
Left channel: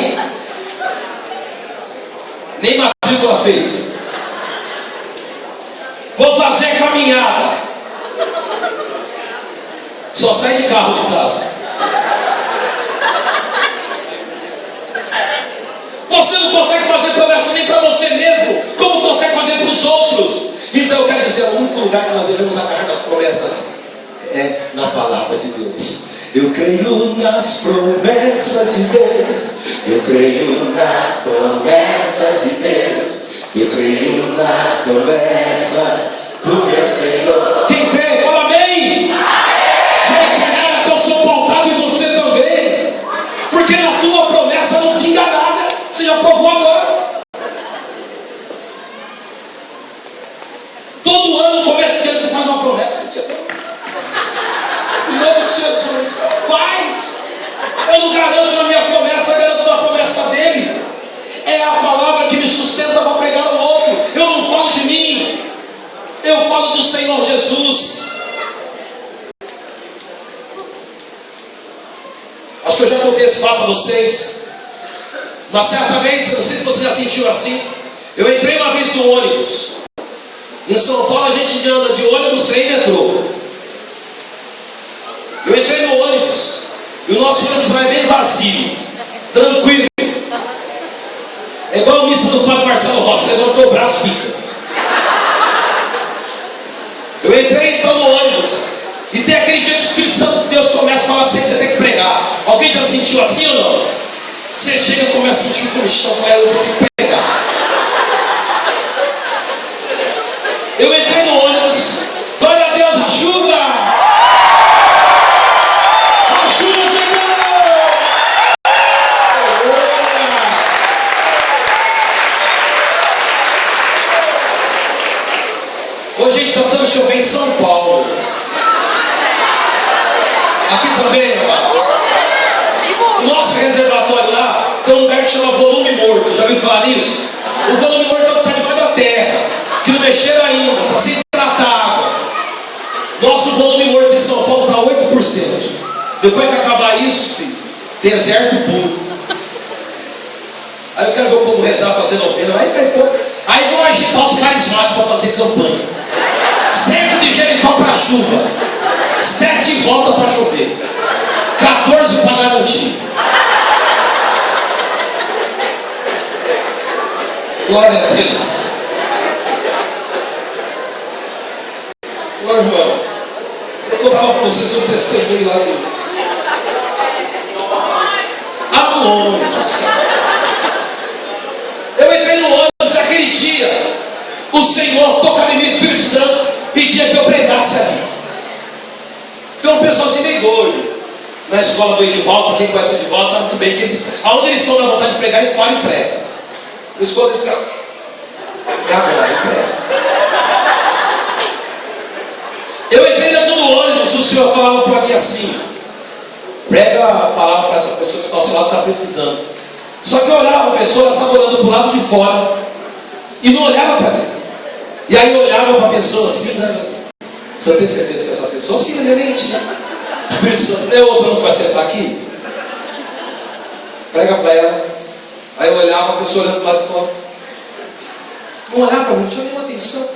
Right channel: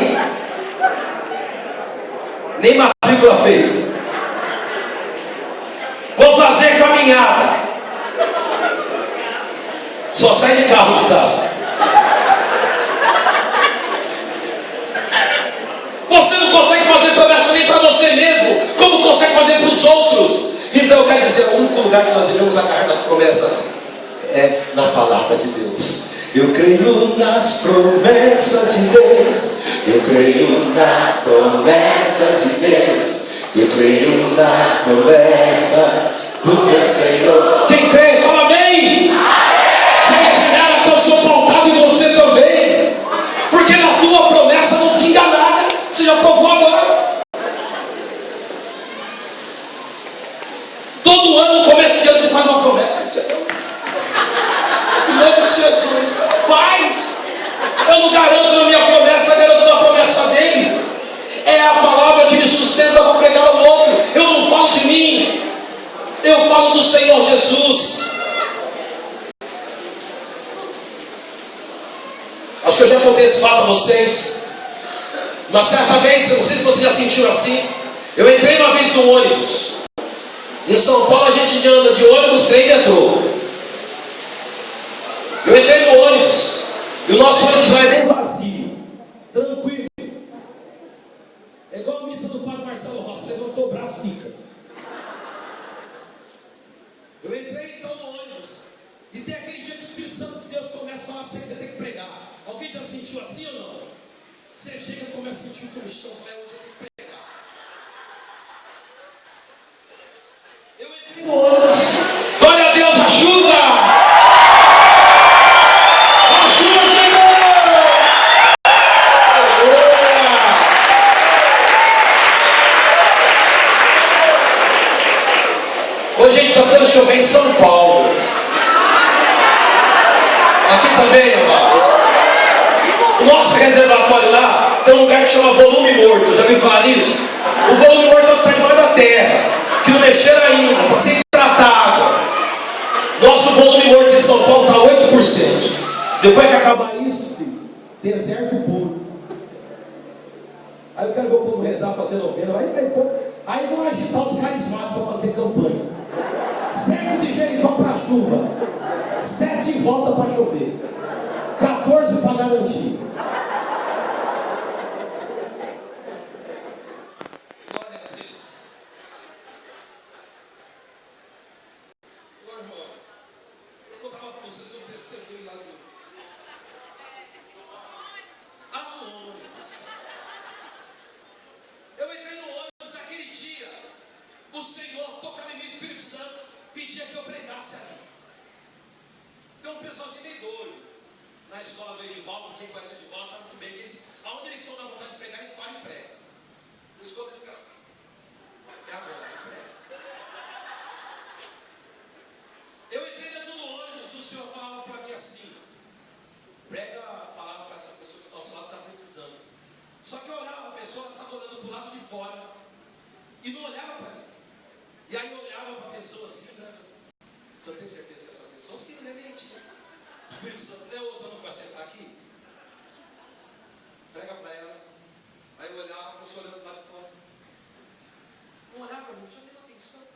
Nem matrícula fez. Vou fazer caminhada. Só sai de carro de casa. Você não consegue fazer promessa nem para você mesmo, como consegue fazer para os outros. Então eu quero dizer, o único lugar que nós devemos agarrar nas promessas é na palavra de Deus. Eu creio nas promessas de Deus. Eu creio nas promessas de Deus. Eu creio nas promessas do meu Senhor. Quem crê, fala amém. Quem quer que eu sou pautado em você também. Porque na tua promessa não vinga nada. Você já provou agora. Todo ano, no começo de ano, você faz uma promessa. Em nome de Jesus, faz. Eu não garanto na minha promessa, garanto na promessa dele. É a palavra que me sustenta para pregar ao outro. Eu não falo de mim, eu falo do Senhor Jesus. Acho que eu já contei esse fato a vocês. Uma certa vez, eu não sei se você já sentiu assim, eu entrei uma vez no ônibus. Em São Paulo a gente anda de ônibus, trem e metrô. Eu entrei no ônibus, e o nosso ônibus lá é bem vazio, tranquilo. É igual a missa do Padre Marcelo Rossi, levantou o braço, fica. Eu entrei então no ônibus, e tem aquele dia que o Espírito Santo de Deus começa a falar para você que você tem que pregar. Alguém já sentiu assim ou não? Você chega e começa a sentir o comichão, hoje eu tenho que pregar. Eu entrei no ônibus, glória a Deus, a chuva! A chuva chegou! Hoje a gente está precisando chover em São Paulo. Aqui também, amados. O nosso reservatório lá tem um lugar que chama volume morto. Já ouviu falar nisso? O volume morto é o que está debaixo da terra, que não mexeram ainda, está sem tratar água. Nosso volume morto em São Paulo está 8%. Depois que acabar isso, filho, deserto puro. Aí eu quero ver o povo rezar, fazer novena. Aí vão agitar os carismáticos para fazer campanha. 7 de Jericó para chuva, 7 em volta para chover, 14 para garantir. Glória a Deus. Glória, irmão. Eu contava para vocês um testemunho lá no ônibus. Eu entrei no ônibus aquele dia. O Senhor tocava em mim, Espírito Santo, pedia que eu pregasse ali. Então o pessoal assim meio doido. Na escola do Edivaldo, quem conhece o Edivaldo sabe muito bem que aonde eles estão na vontade de pregar, eles falam e pregam. Na escola eles ficam, é agora, eu prego. Eu entrei dentro do ônibus, o Senhor falava para mim assim: prega a palavra para essa pessoa que está ao seu lado, está precisando. Só que eu olhava a pessoa, ela estava olhando para o lado de fora e não olhava para mim. E aí eu olhava para a pessoa assim, sabe? Você tem certeza que essa pessoa, sim, na minha mente, né? Espírito Santo, não é outra que vai sentar aqui? Prega para ela. Aí eu olhava a pessoa olhando para o lado de fora. Não olhava para mim, não tinha nenhuma atenção.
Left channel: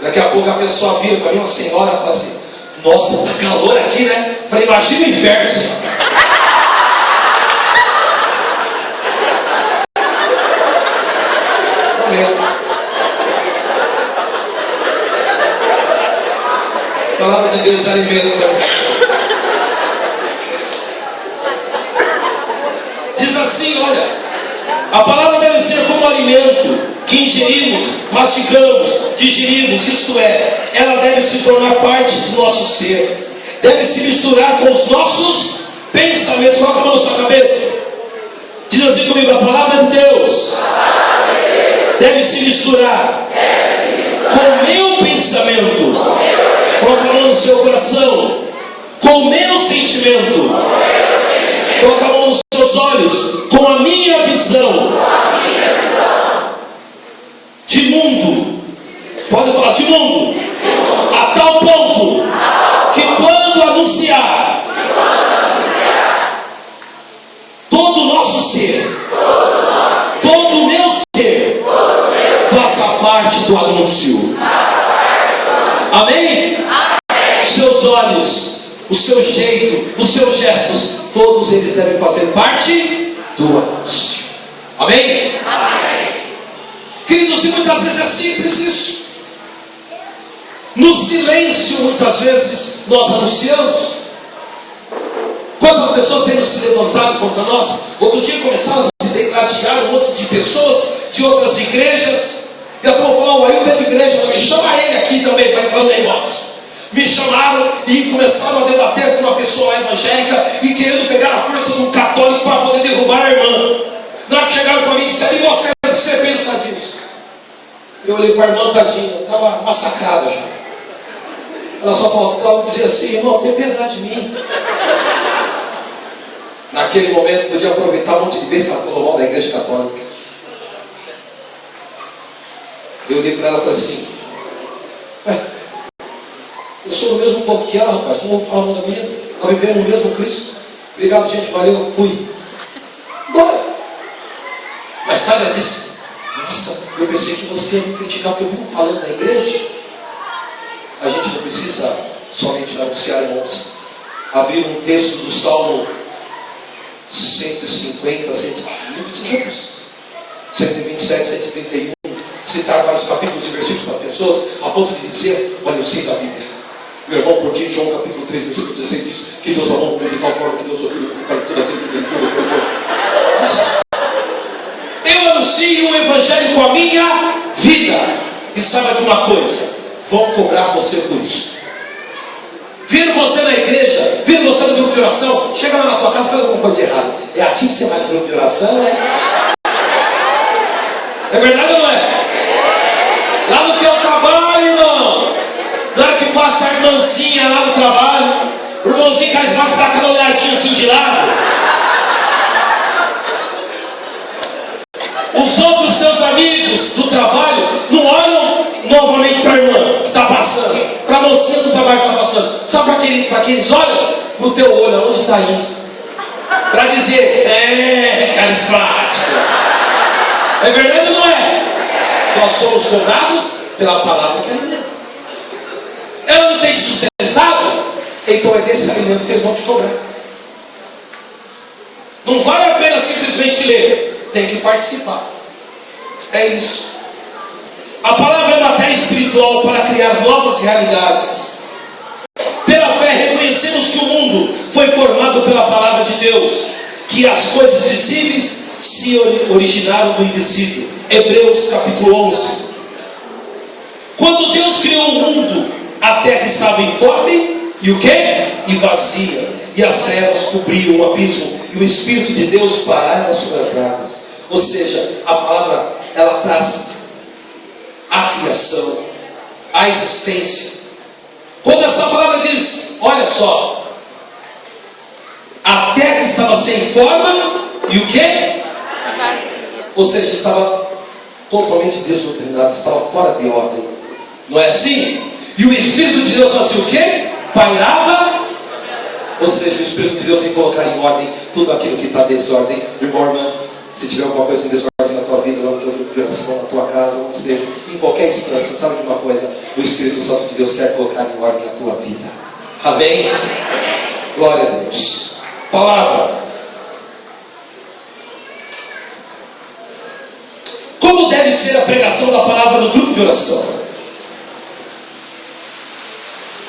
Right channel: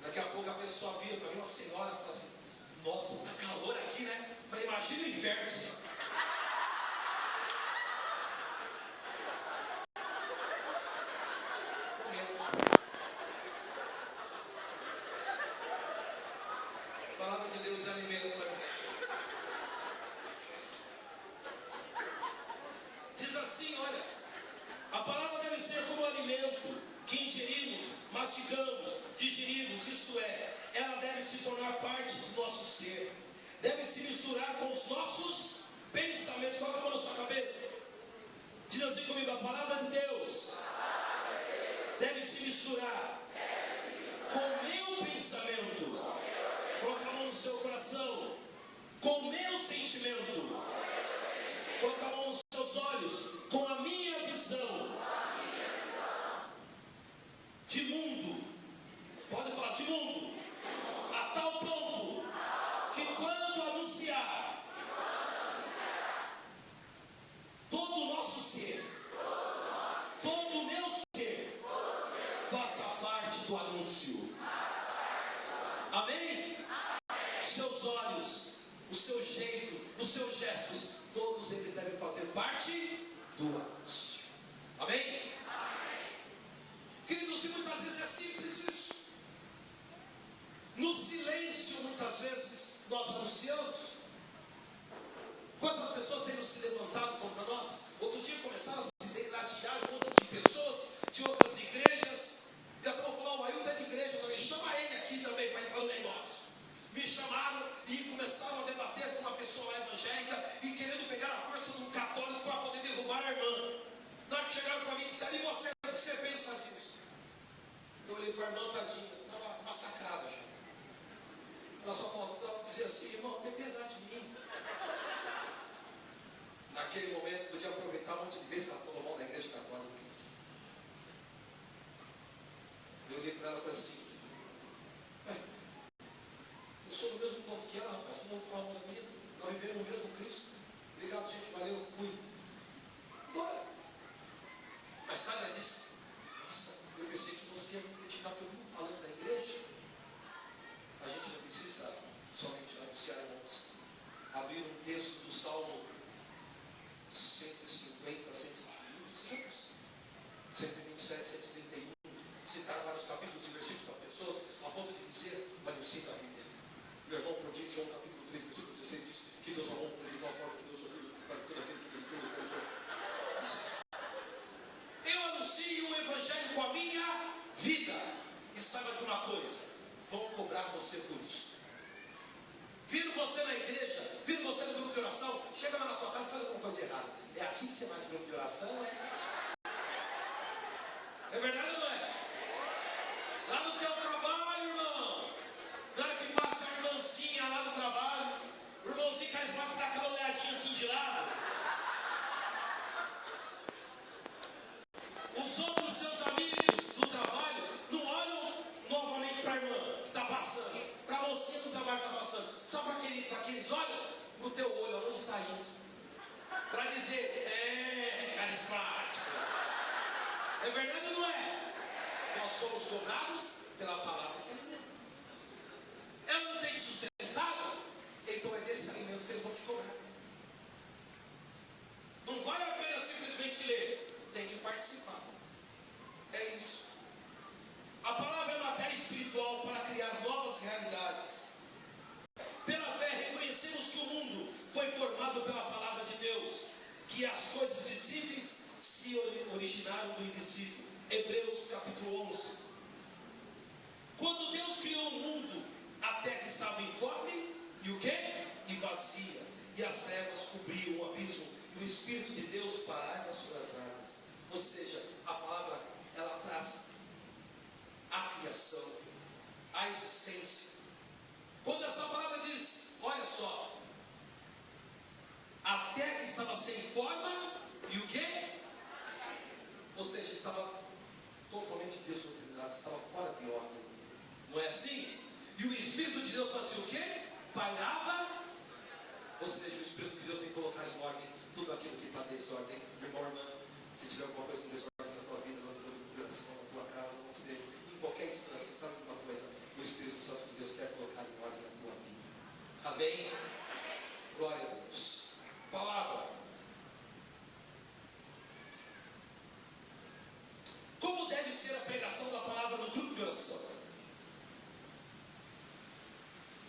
Daqui a pouco a pessoa vira para mim, uma senhora, e fala assim: nossa, tá calor aqui, né? Eu falei, imagina o inferno, Senhor. A palavra de Deus alimenta. Diz assim, olha, a palavra deve ser como alimento que ingerimos, mastigamos, digerimos, isto é, ela deve se tornar parte do nosso ser, deve se misturar com os nossos pensamentos. Coloca a mão na sua cabeça, diz assim comigo: a palavra de Deus deve se misturar com o meu pensamento. Coloca a mão no seu coração, com o meu sentimento. Coloca a mão nos seus olhos, com a minha visão de mundo. Pode falar de mundo. A tal ponto que quando anunciar, todo o nosso ser, todo o meu ser, faça parte do anúncio. Amém? Os seus olhos, o seu jeito, os seus gestos, todos eles devem fazer parte do anúncio. Amém? Amém. Queridos, e muitas vezes é simples isso. No silêncio, muitas vezes, nós anunciamos. Quantas pessoas têm se levantado contra nós? Outro dia começaram a se degladiar um monte de pessoas de outras igrejas. E a povo falou: o Ailton é de igreja também, chama ele aqui também para entrar no negócio. Me chamaram e começaram a debater com uma pessoa evangélica e querendo pegar a força de um católico para poder derrubar a irmã. Na hora que chegaram para mim e disseram: e você, o que você pensa disso? Eu olhei para a irmã, tadinha, estava massacrada já. Ela só faltava dizer assim: irmão, tem piedade de mim. Naquele momento, podia aproveitar um monte de vezes que ela falou mal da igreja católica. Eu olhei para ela e falei assim: eu sou do mesmo povo que ela, rapaz, não vou falar o nome da minha. Nós vivemos o mesmo Cristo. Obrigado, gente, valeu, fui. Bora. Mais tarde ela disse: nossa, eu pensei que você ia me criticar o que eu vivo falando na igreja. A gente não precisa somente anunciar, irmãos. Abrir um texto do Salmo 150, não precisa disso. 127, 131. Citar vários capítulos e versículos para pessoas, a ponto de dizer: olha, eu sei da Bíblia. Meu irmão, porque João capítulo 3, versículo 16 diz que Deus amou de tal forma que Deus ouviu tudo aquilo que Ele tudo. Eu anuncio o Evangelho com a minha vida. E saiba de uma coisa: vão cobrar você por isso. Viram você na igreja, viram você no grupo de oração, chega lá na tua casa e faz alguma coisa de errado. É assim que você vai no grupo de oração, né? É verdade ou não é? Lá no teu trabalho, irmão, na hora que passa a irmãzinha lá no trabalho, o irmãozinho carismático dá aquela olhadinha assim de lado. Os outros seus amigos do trabalho não olham novamente para a irmã que está passando, para a moça do trabalho que está passando. Sabe para que eles olham? Para o teu olho, aonde está indo. Para dizer, carismático. É verdade ou não é? Nós somos cobrados pela palavra que alimenta. Ela não tem sustentado, então é desse alimento que eles vão te cobrar. Não vale a pena simplesmente ler, tem que participar. É isso. A palavra é matéria espiritual para criar novas realidades. Pela fé reconhecemos que o mundo foi formado pela palavra de Deus, que as coisas visíveis se originaram do invisível. Hebreus capítulo 11. Quando Deus criou o mundo, a terra estava informe e o quê? E vazia, e as trevas cobriam o abismo, e o Espírito de Deus pairava sobre as águas. Ou seja, a palavra, ela traz a criação, a existência. Quando essa palavra diz, olha só, a terra estava sem forma e o quê? Ou seja, estava totalmente desordenada, estava fora de ordem. Não é assim? E o Espírito de Deus fazia o quê? Pairava. Ou seja, o Espírito de Deus vem colocar em ordem tudo aquilo que está em desordem. Irmão, se tiver alguma coisa em desordem na tua vida, na tua oração, na tua casa, não seja, em qualquer instância, sabe de uma coisa? O Espírito Santo de Deus quer colocar em ordem a tua vida. Amém? Glória a Deus. Palavra. Como deve ser a pregação da palavra no grupo de oração?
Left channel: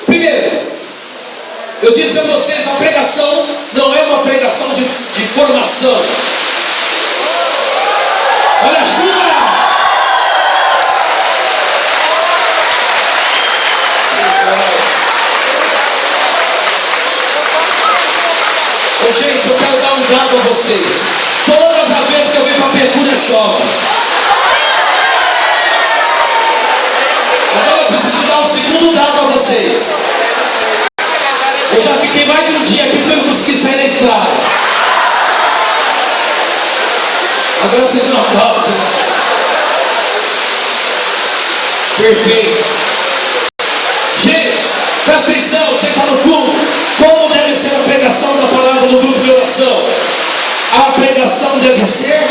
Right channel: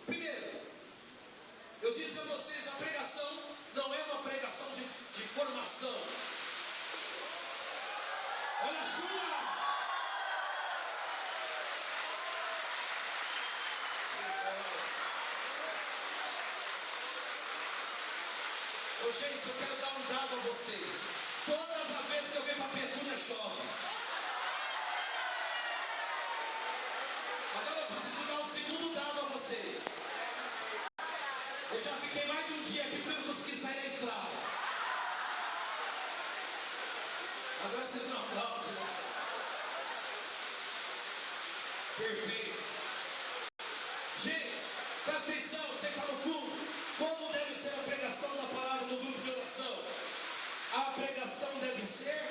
Primeiro, eu disse a vocês, a pregação não é uma pregação de formação. Olha, ajuda! Ô, gente, eu quero dar um dado a vocês. Todas as vezes que eu venho para a Petúnia chove. Agora eu preciso dar um segundo dado a vocês. Eu já fiquei mais de um dia aqui porque eu não consegui sair da estrada. Agora vocês não aplaudem. Perfeito. Gente, presta atenção, você está no fundo. Como deve ser a pregação da palavra no grupo de oração? A pregação deve ser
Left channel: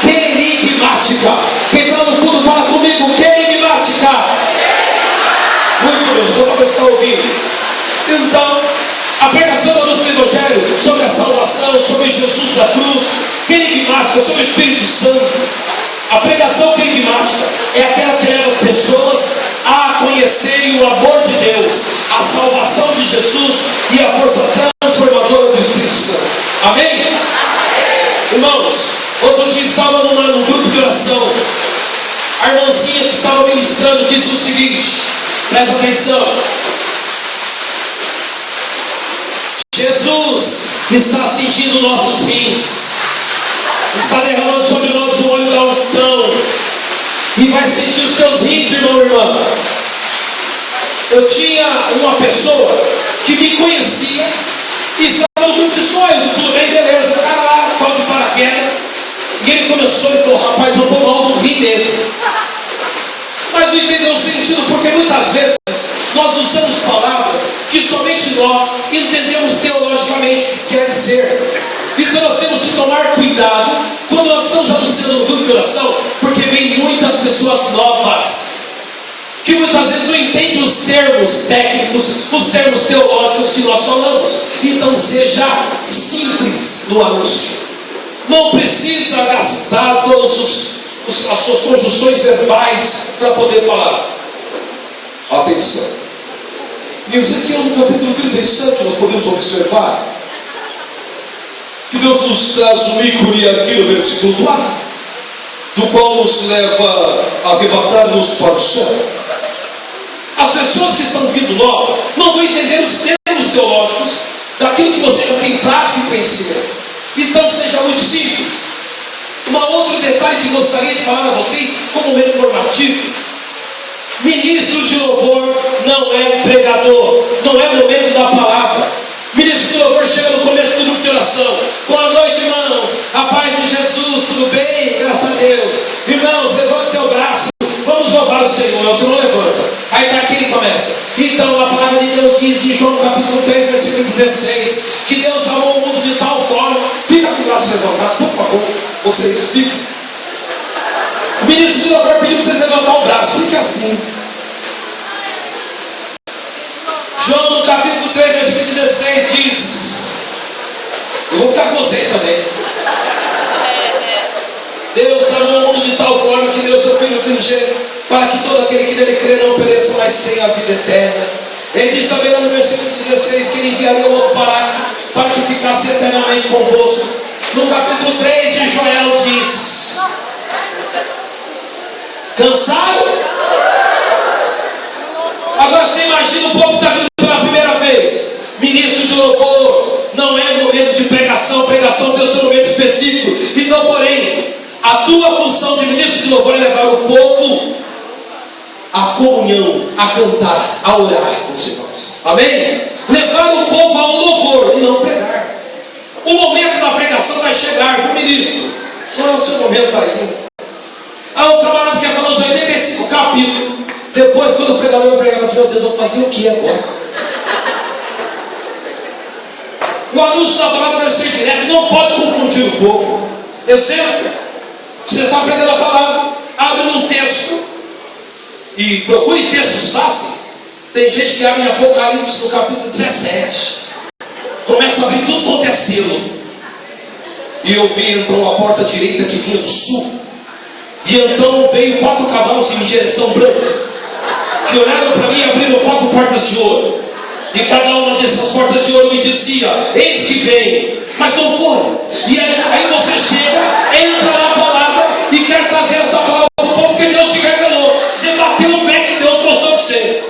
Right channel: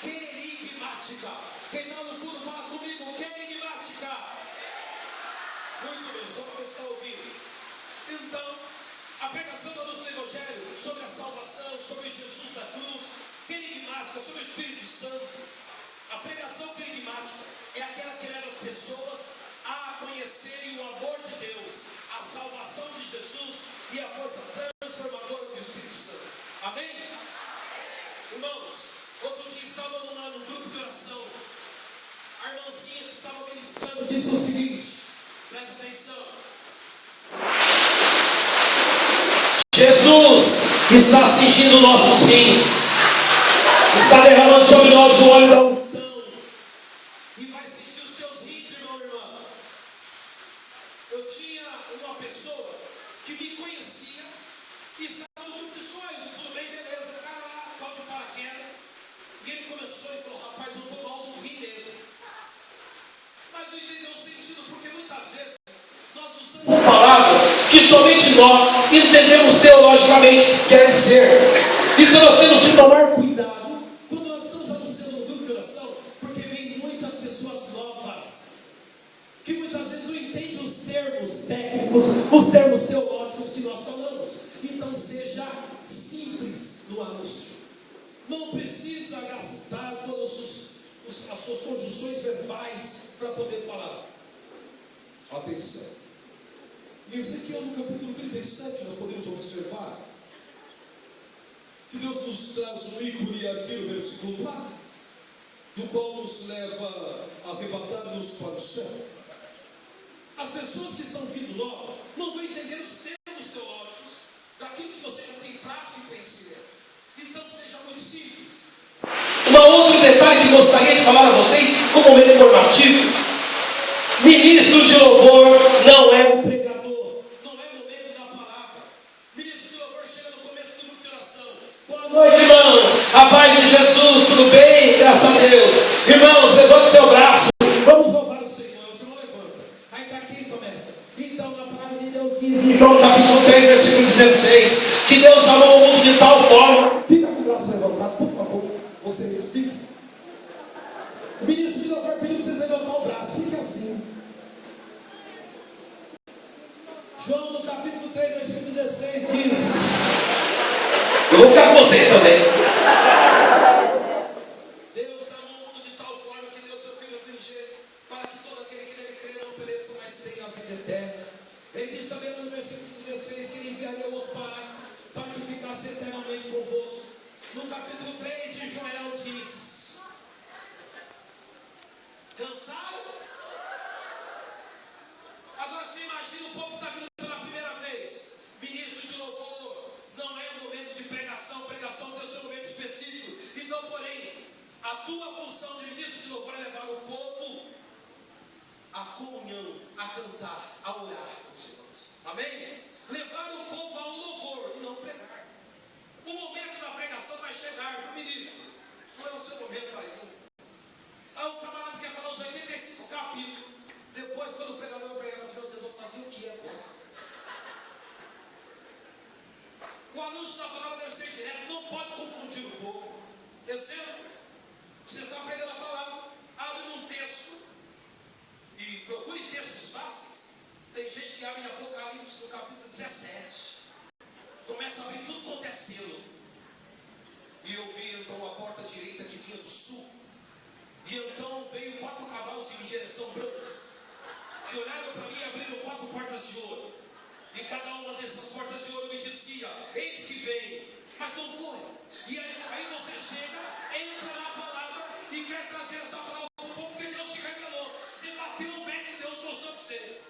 querigmática. Quem está no fundo fala comigo, querigmática. Muito bem, só para você estar ouvindo. Então, a pregação da luz do Evangelho sobre a salvação, sobre Jesus da cruz, querigmática, sobre o Espírito Santo. A pregação querigmática é aquela que leva as pessoas a conhecerem o amor de Deus, a salvação de Jesus e a força transformadora do Espírito Santo. Amém? Amém. Irmãos, outro dia estava num grupo de oração. A irmãzinha que estava ministrando disse o seguinte, presta atenção. Jesus está cingindo nossos rins, está derramando sobre nós o óleo da unção, e vai cingir os teus rins, irmão e irmã. Eu tinha uma pessoa que me conhecia e estava no grupo de sonhos, tudo bem, beleza, o cara lá, tal de paraquedas, e ele começou e falou, rapaz, eu estou mal no rim dele. Mas não entendeu o sentido, porque muitas vezes nós usamos palavras que somente nós entendemos teologicamente o que quer dizer. Então nós temos que tomar cuidado quando nós estamos anunciando no grupo de oração, porque vem muitas pessoas novas que muitas vezes não entendem os termos técnicos, os termos teológicos que nós falamos. Então seja simples no anúncio. Não precisa gastar todas as suas conjunções verbais para poder falar. Atenção. Em Ezequiel, no capítulo 37, nós podemos observar que Deus nos traz um ícone aqui no versículo 4, do qual nos leva a arrebatar-nos para o céu. As pessoas que estão vindo novas não vão entender os termos teológicos daquilo que você já tem prática e conhecimento. Então seja muito simples. Um outro detalhe que gostaria de falar a vocês como momento informativo: ministro de louvor não é um pregador, não é o momento da palavra. Ministro de louvor chega no começo do grupo de oração: boa noite, irmãos, a paz de Jesus, tudo bem? Graças a Deus. Irmãos, levante seu braço, vamos louvar o Senhor. O Senhor levanta, aí está aqui e começa. Então a palavra de Deus diz em João capítulo 3, versículo 16, que Deus amou o mundo de tal forma. Fica com o braço levantado, por favor, vocês ficam. O ministro de louvor pediu para vocês levantar o braço, fique assim. João no capítulo 3, versículo 16 diz: eu vou ficar com vocês também. Deus amou o mundo de tal forma que deu seu Filho unigênito, para que todo aquele que nele crê não pereça, mas tenha a vida eterna. Ele diz também no versículo 16 que ele enviaria o outro Paráclito para que ficasse eternamente convosco. No capítulo 3 de Joel diz: cansado? Agora você imagina o povo que está vindo pela primeira vez. Ministro de louvor não é momento de pregação, pregação tem o seu momento específico. Então, porém, a tua função de ministro de louvor é levar o povo à comunhão, a cantar, a orar com os irmãos. Amém? Levar o povo ao louvor e não pregar. O momento da pregação vai chegar, viu, ministro? Não é o seu momento ainda. Há um camarada que falou os 85 capítulos. Depois, quando o pregador pregava assim: meu Deus, eu vou fazer o que agora? O anúncio da palavra deve ser direto, não pode confundir o povo. Exemplo: você está pregando a palavra, abre num texto e procure textos fáceis. Tem gente que abre em Apocalipse no capítulo 17, começa a abrir tudo quanto é selo. E eu vi então a porta direita que vinha do sul, e então veio 4 cavalos em direção branca, que olharam para mim e abriram 4 portas de ouro, e cada uma dessas portas de ouro me dizia: eis que vem. Mas não foram. E aí você chega, entra na palavra e quer trazer essa palavra para o povo, porque Deus te revelou. Você bateu o pé que Deus mostrou para você.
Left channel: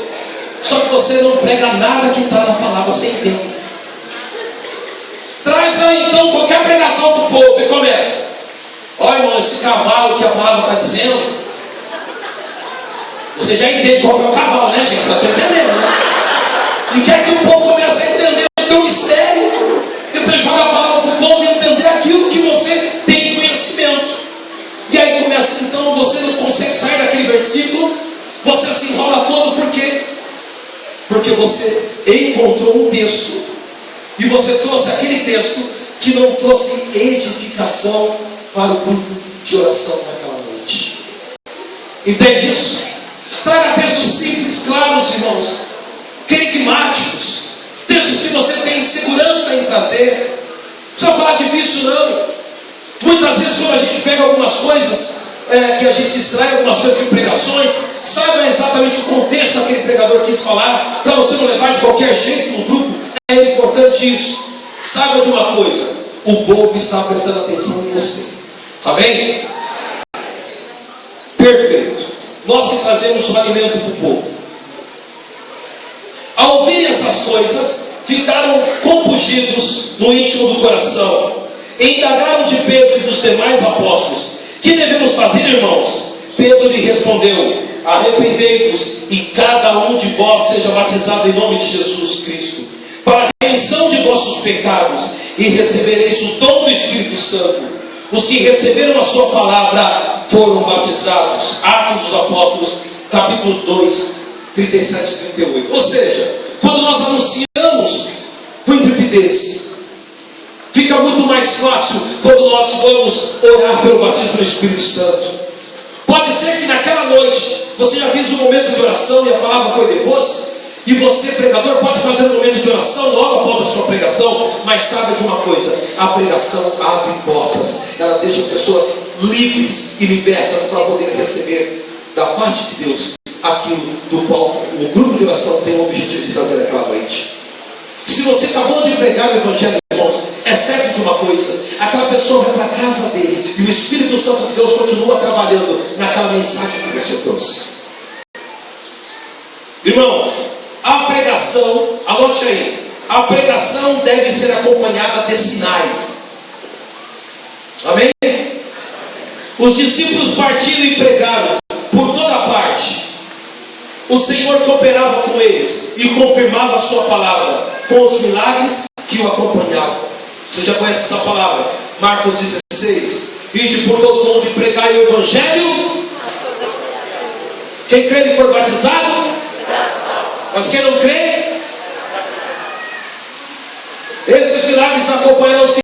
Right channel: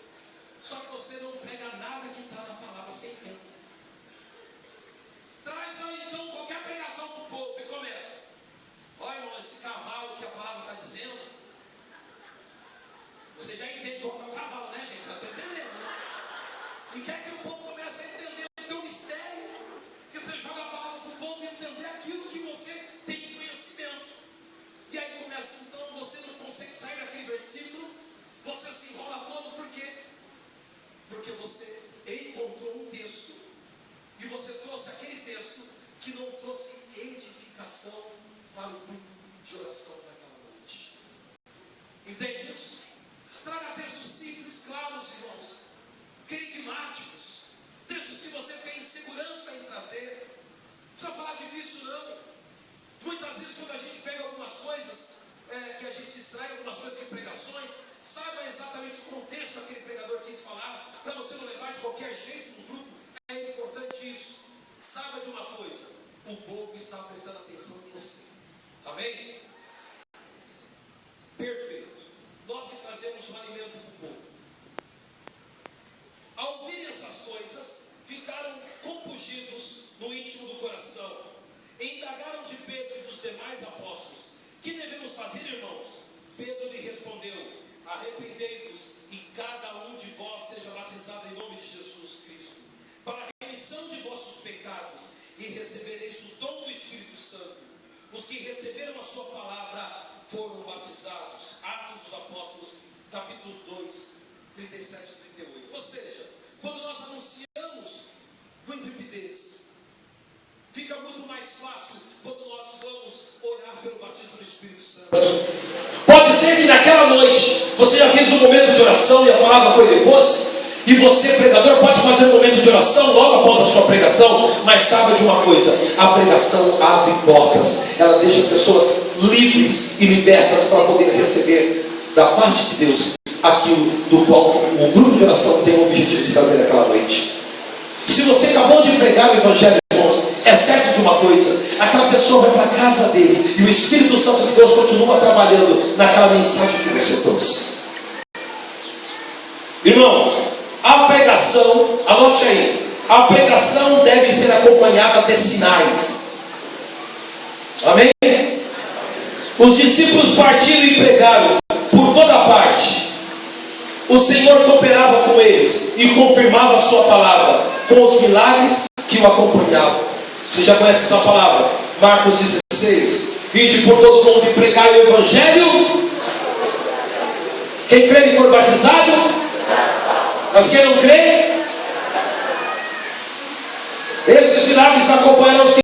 Só que você não prega nada que está na palavra, sem tempo. Traz aí então qualquer pregação para o povo e começa: olha, irmão, esse cavalo que a palavra está dizendo, você já entende qual que é o cavalo, né, gente? Está entendendo, né? E quer que o povo comece a entender o teu mistério, que você joga a palavra para o povo e entender aquilo que você tem de conhecimento. E aí começa, então, você não consegue sair daquele versículo, você se enrola todo, por quê? Porque você encontrou um texto, e você trouxe aquele texto que não trouxe edificação para o grupo de oração naquela noite. Entende isso? Traga textos simples, claros, irmãos, querigmáticos, textos que você tem segurança em trazer. Não precisa falar difícil, não. Muitas vezes, quando a gente pega algumas coisas, que a gente extrai algumas coisas de pregações, saiba exatamente o contexto daquele pregador quis falar, para você não levar de qualquer jeito no grupo. É importante isso. Saiba de uma coisa: o povo está prestando atenção em você. Amém? Perfeito. Nós que trazemos o alimento para o povo, ao ouvirem essas coisas, ficaram compungidos no íntimo do coração, e indagaram de Pedro e dos demais apóstolos: que devemos fazer, irmãos? Pedro lhe respondeu: arrependei-vos e cada um de vós seja batizado em nome de Jesus Cristo, para a remissão de vossos pecados, e recebereis o dom do Espírito Santo. Os que receberam a sua palavra foram batizados. Atos dos Apóstolos, capítulo 2, 37 e 38. Ou seja, quando nós anunciamos com intrepidez, fica muito mais fácil quando nós vamos orar pelo batismo do Espírito Santo. Pode ser que naquela noite você já fez um momento de oração e a palavra foi depois, e você, pregador, pode fazer um momento de oração logo após a sua pregação, mas saiba de uma coisa: a pregação abre portas, ela deixa pessoas livres e libertas para poder receber da parte de Deus aquilo do qual o grupo de oração tem o objetivo de fazer naquela noite. Se você acabou de pregar o Evangelho, irmãos, é certo de uma coisa: aquela pessoa vai para a casa dele e o Espírito Santo de Deus continua trabalhando naquela mensagem que você trouxe. Irmãos, a pregação, anote aí, a pregação deve ser acompanhada de sinais. Amém? Os discípulos partiram e pregaram por toda parte. O Senhor cooperava com eles e confirmava a sua palavra com os milagres que o acompanhavam. Você já conhece essa palavra? Marcos 16: ide por todo mundo e pregai o Evangelho. Quem crê e for batizado, mas quem não crê, esses milagres acompanham os que